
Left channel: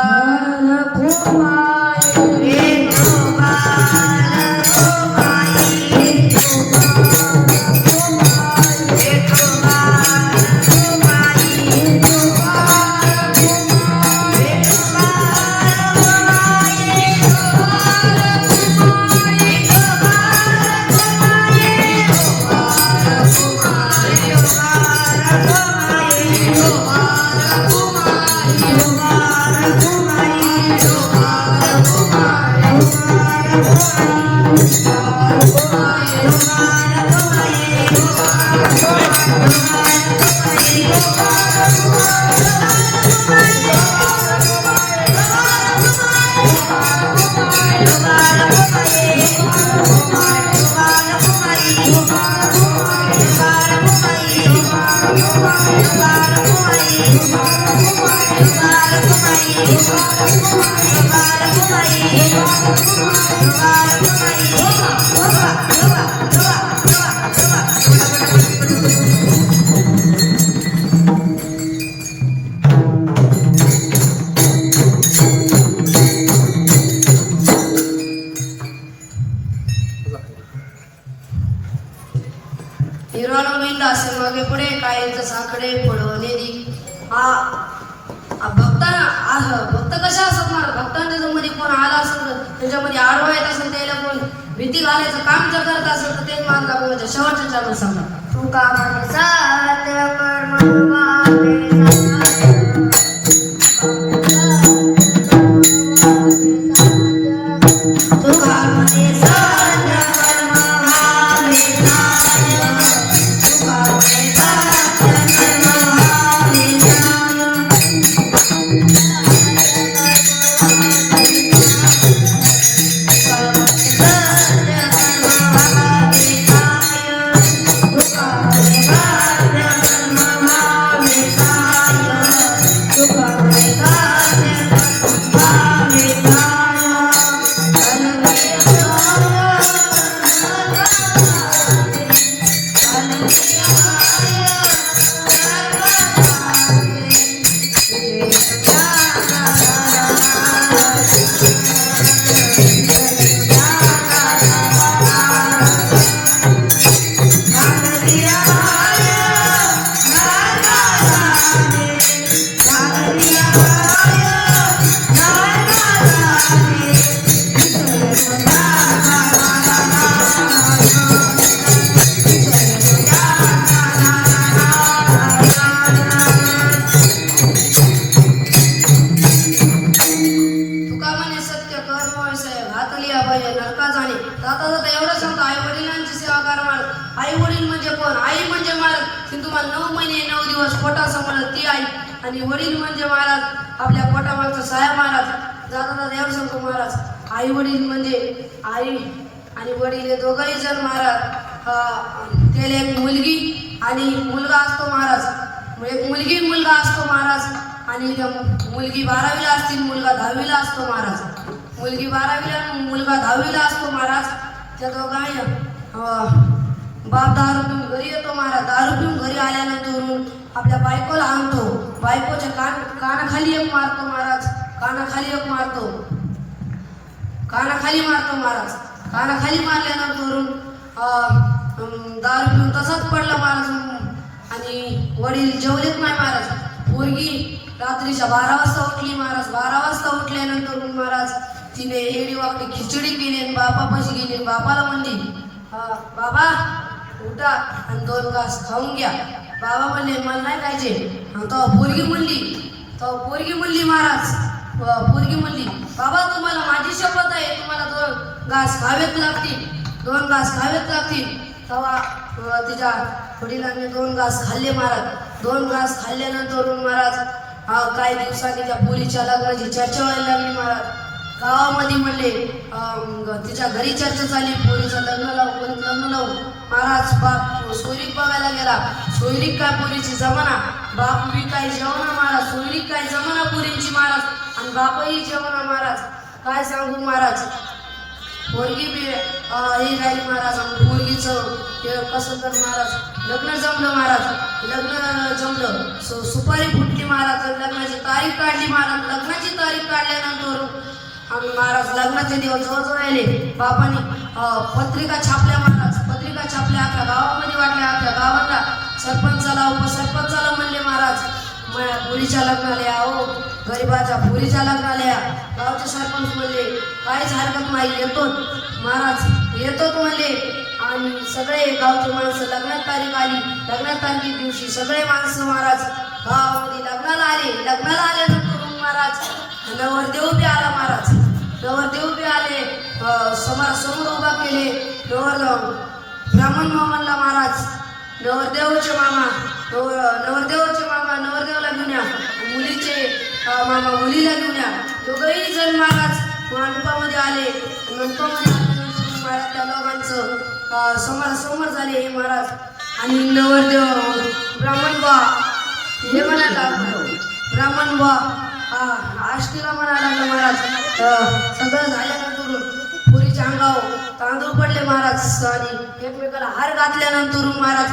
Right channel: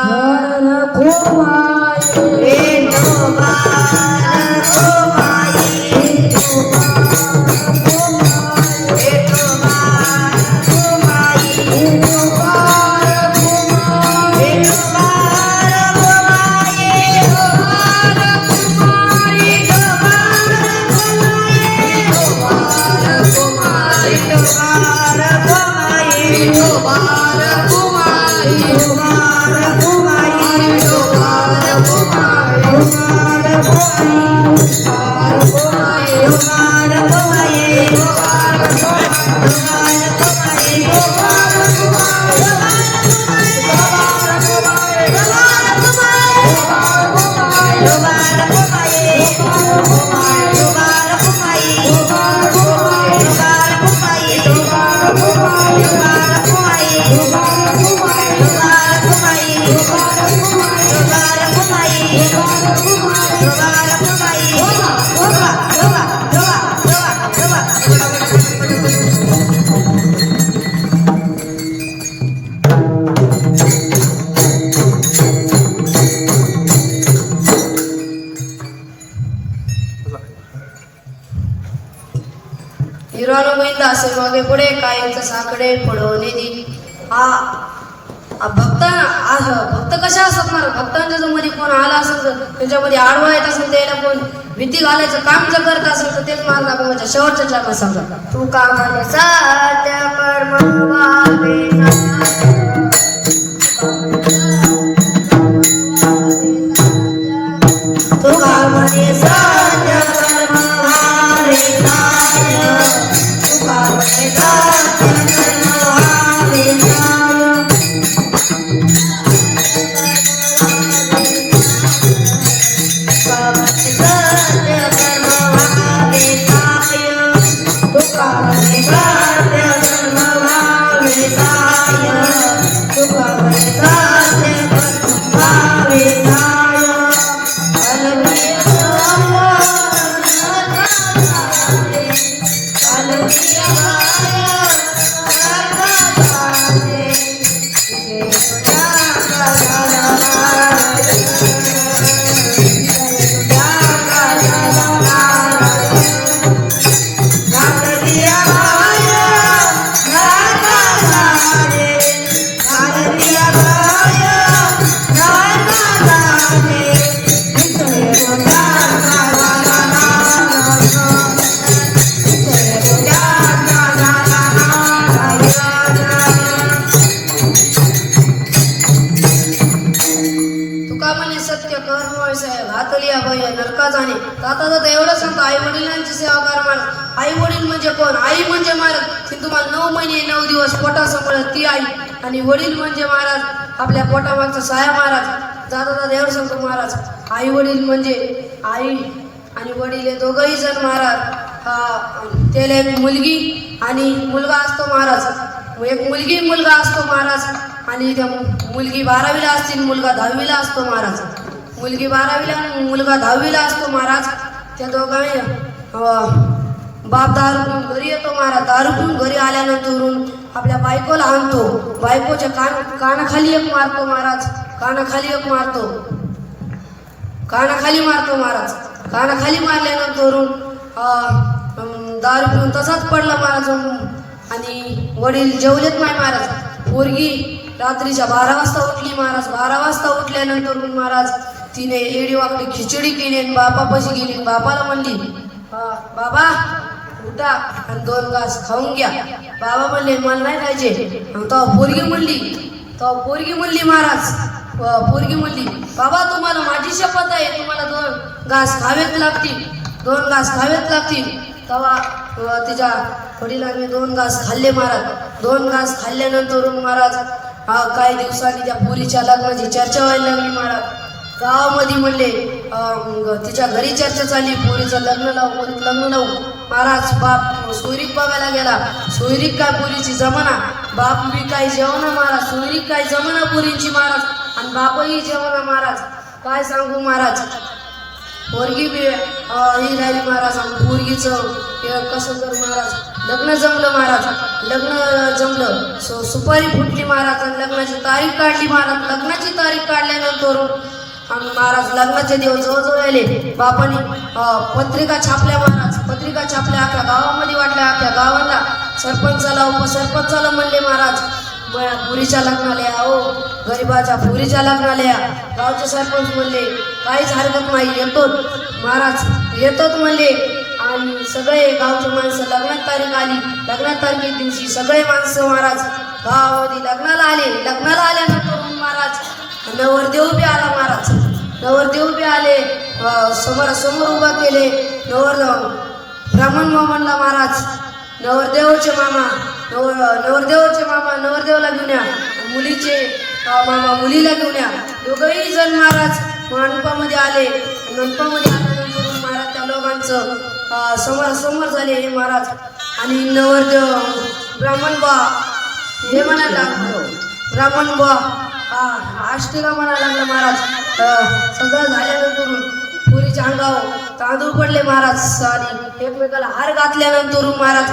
असे मागे पुढे कायमचं साकडे पडवणे दी. भक्त कशा असणार? भक्तांच्या जर मध्ये कोण आला असेल तर त्याच्यामध्ये आडवा येत असेल, त्याला कोण भीती घालायचं काम जर करत असेल तर तेच मला दाखवायचं. शेवटच्या चरण सांगा. तू का मन साध्य कर्म व्हावे तू का म्हणे साध्य कर्म व्हावे तू का म्हणे साध्य कर्म व्हावे Hallelujah. महाराज. आई वडील म्हणजे कोण? आई म्हणजे महाराज ती तुम्हाला 9 महिने 9 दिवस पोटासमोर ती आई. आणि वडील म्हणजे महाराज आपल्या पोटामागचा साया महाराज. दादा देवर सांगतो महाराज आई वडील म्हणजे आई आणि वडील हे दोघंही जण महाराज. त्याला एक मुलगी आणि मुलगा असतो महाराज. एक मुलगी मुलगा असतो महाराज. आणि त्या मुलगी 12वीला असते, मुलगा 10वीला असतो महाराज. मुलगी 12वीला, मुलगा 10वीला असतो महाराज. त्या दोघांनी बाप दारू पिऊन घरी येतो महाराज. दारू पिऊन घरी आल्यानंतर आपल्या बायकोला आणतो. बायकोच्या कानाखाली एक मारतो महाराज. कानाखाली एक मारतो. कानाखाली मारतो महाराज. कानाखाली मारल्यानंतर दारू पिऊन तसाच पडला महाराज. आणि वडील जेवलेत नाही महाराज. पोरगी रात्रीच्या 12 वाजता उठली महाराज. 12 वाजता उठल्यानंतर महाराज तिने एडी वाकडी खिचडी केली आणि बापापाशी गेली. बापाला म्हणली बाबा उठा आणि 2 घास खाऊन घ्या. बाबा म्हणले मला नाही खायचे. तेव्हा पोरगी म्हणली महाराज. पोरगी म्हणली बाबा तुम्हाला माझी शपथ आहे तुम्हाला 2 घास खावेच लागतील. 2 घास खावेच लागतील. तेव्हा तिच्या वडिलांनी 2 घास खाल्ले महाराज. 2 घास खाल्ल्यानंतर महाराज काही दिवसांनी त्या पोरीच्या लग्नाची चर्चा व्हायला लागली महाराज. गावामध्ये म्हणले तिच्या घरी चर्चा झाली. पोरीचं लग्न लावू महाराज. बाप सोयरीक बघायला गेला. सोयरीक काय पोरीची जमाना. बाप बी काय जेवणा महाराज. सोयरीक काय जमाना पोरींची महाराज. आणि बापही जेवणा महाराज. काय सांगू महाराज. पोरगी बी ही राहिली महाराज. पोरगीचं कसं तर महाराज लग्न जमलं महाराज. लग्न जमलं. सुपारी फुटली महाराज. आणि लग्नाची तारीख काढली महाराज. लग्नाची तारीख काढल्यानंतर महाराज लग्नाचे दिवस जवळजवळ आले. बापाने पत्रिका छापल्या महाराज. पत्रिका छापल्या अख्या गावामध्ये वाटल्या. अख्या गावाला सरपंचाला उपसरपंचाला म्हणले महाराज पुरीच्या लग्नाला या. हो गरीबाच्या पुरीच्या लग्नाला या. गावचे सरपंच म्हणले काहीच हरकत नाही येतो महाराज. येतोच म्हणले. आणि सगळे गावचे माणसं लग्नात तारीख आली. लग्नात तारखे दिवशी सगळे माणसं महाराज गावामध्ये लग्नाला आले. लग्नाला आल्यानंतर महाराज नवरदेव बी आला महाराज. नवरदेव बी आले. समोर उभा केले. ब्राह्मण म्हणला महाराज नवरदेवचे मामा नवरदेवला घेऊन या. मुलीचे मामा मुलीला घेऊन या. दोघंही जण महाराज मंडपामध्ये आले. मंडपामध्ये आल्यानंतर महाराज त्या लोकांचं समोर झाले महाराज. आणि नवरदेव ब्राह्मण बा हे म्हणायला ब्राह्मण बा आष्टीला म्हणायला लागला महाराज. सगळं झाल्यानंतर पुरीच्या अंगावर तांदूळ पडले महाराज. आणि एकमेकाला हार घातल्यानंतर महाराज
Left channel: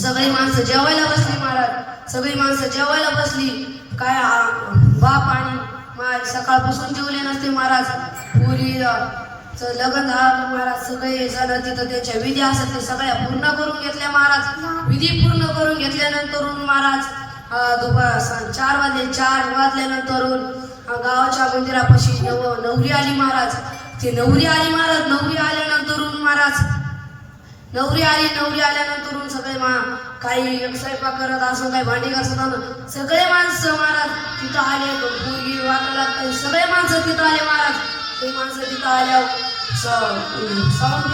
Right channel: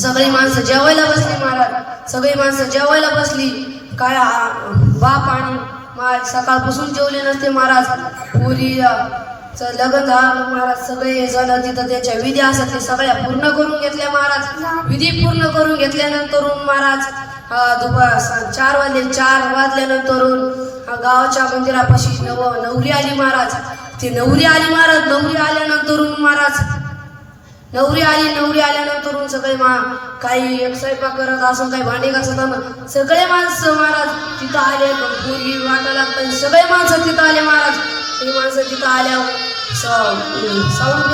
सगळी माणसं जेवायला बसली महाराज. सगळी माणसं जेवायला बसली. काय बाप आणि माय सकाळपासून जेवले नसते महाराज. लग्न झालं महाराज. सगळे जण तिथं त्याच्या विधी असतात ते सगळ्या पूर्ण करून घेतल्या महाराज. विधी पूर्ण करून घेतल्यानंतर महाराज दुपार 4 वाजले. 4 वाजल्यानंतर गावाच्या मंदिरापाशी नवरी आली महाराज. ती नवरी आली महाराज. नवरी आल्यानंतर महाराज नवरी आल्यानंतर सगळे काही एक स्वयंपाक करत असं काही भांडी घासत सगळे माणसं महाराज तिथं आले. पोरगी वाटायला लागतात. सगळे माणसं तिथं आले महाराज. ते माणसं तिथं आल्यावर साऊंड बी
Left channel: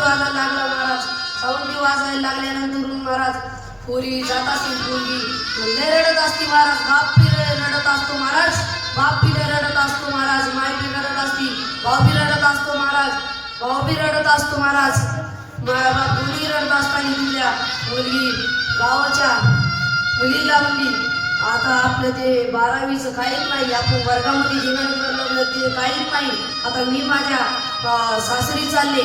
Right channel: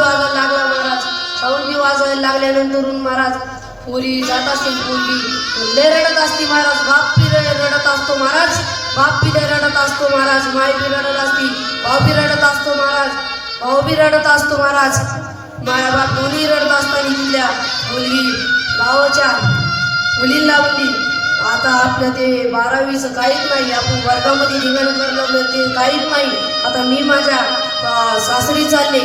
वाजायला लागला महाराज. साऊंड बी वाजायला लागल्यानंतर महाराज पुरी जात असते. पोरगी लय रडत असते महाराज. बाप बी रडत असतो महाराज. बाप बी रडत असतो महाराज. माय बी रडत असते. भाऊ बी रडत असतो महाराज. भाऊ बी रडत असतो महाराज. माया बाप दोन्ही रडत असताना दिल्या मुलगी गावाच्या मुलीला म्हणली आता आपलं ते 12वीचं काहीच नाही. आपण वर्गामध्ये जीवन करणं ते काहीच नाही. आता मी माझ्या सासरी चालले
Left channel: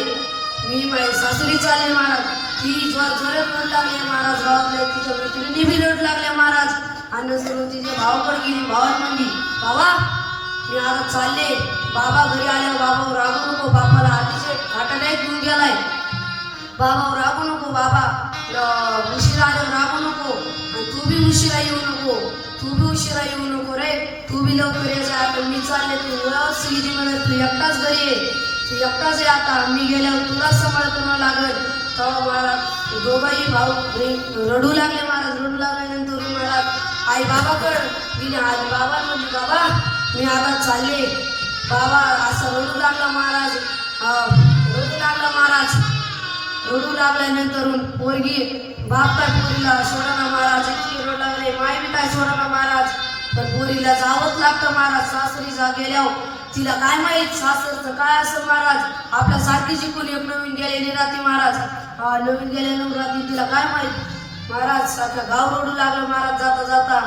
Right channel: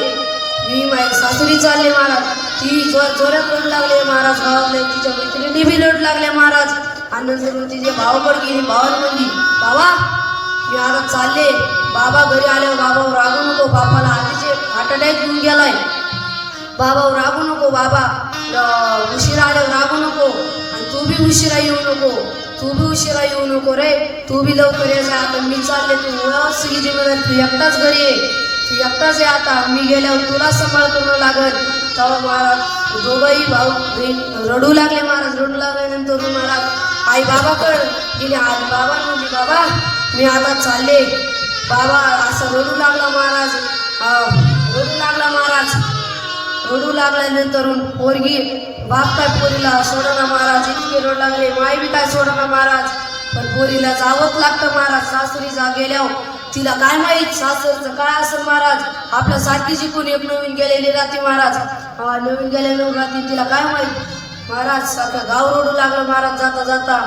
महाराज. ती जोरात रडू लागले महाराज. गावातल्या तिच्या मैत्रिणी बी रडू लागल्या महाराज. आणि तिचे भावाकडे गेली. भावाला म्हणली बाबा मी आता चालले. बाबा घरी आल्यावर बाबावर रागू नको. बापाला आधीच हार्ट अटॅक घेऊन गेलाय. बाबावर रागू नको. बाबा उशिरा आल्यावर रागू नको. आणि तू बी उशिरा येऊ नको रे. तू बी लवकर यायचा. आता मी चालले. तू सिगी मिळत तू एकटाच घरी ये. तू एकटाच आहे आता. मी गेल्यावर तुला सांभाळ करणं लागल. तेव्हा महाराज दोघंही भाऊ रडू लागले महाराज. रडू लागल्यानंतर महाराज आई बाबाकडे गेली. आई बाबा म्हणली बाबा मी आता चालले. बाबा असं रडू लागला महाराज. रडू लागल्यानंतर पोरगी बाप काय पोरीला सोडा महाराज, इतके रडू लागले, माय बी काय सोडा महाराज, पण पोरीला जावंच लागतं महाराज. सासरी जा गेल्यावर तिला काय माहित सासरचं काय असं महाराज, आपल्या सारखीची कोण एक नवीन गेलेली राहते महाराज. नवीन गेलेली राहते तिला काय माहित महाराज. सारखं गाव रडू लागलं महाराज, जाता जाता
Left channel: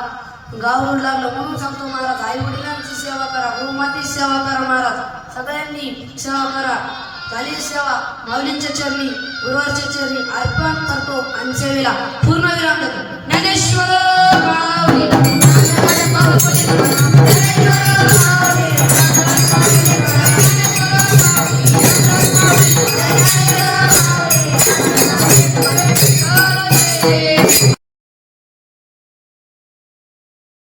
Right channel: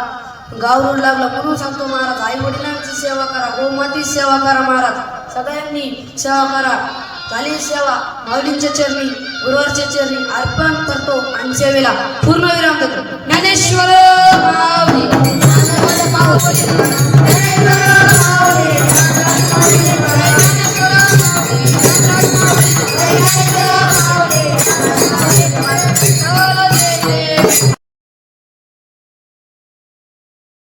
गाव रडू लागलं. म्हणून सांगतो महाराज, आई वडिलांची सेवा करा, गोमातीची सेवा करा महाराज, सगळ्यांनी सेवा करा. झाली सेवा माऊलींच्या चरणी, गुरुवारच्या चरणी अर्पण करतो आणि सेवेला पूर्ण विराम देतो. ज्ञानेश्वर माऊली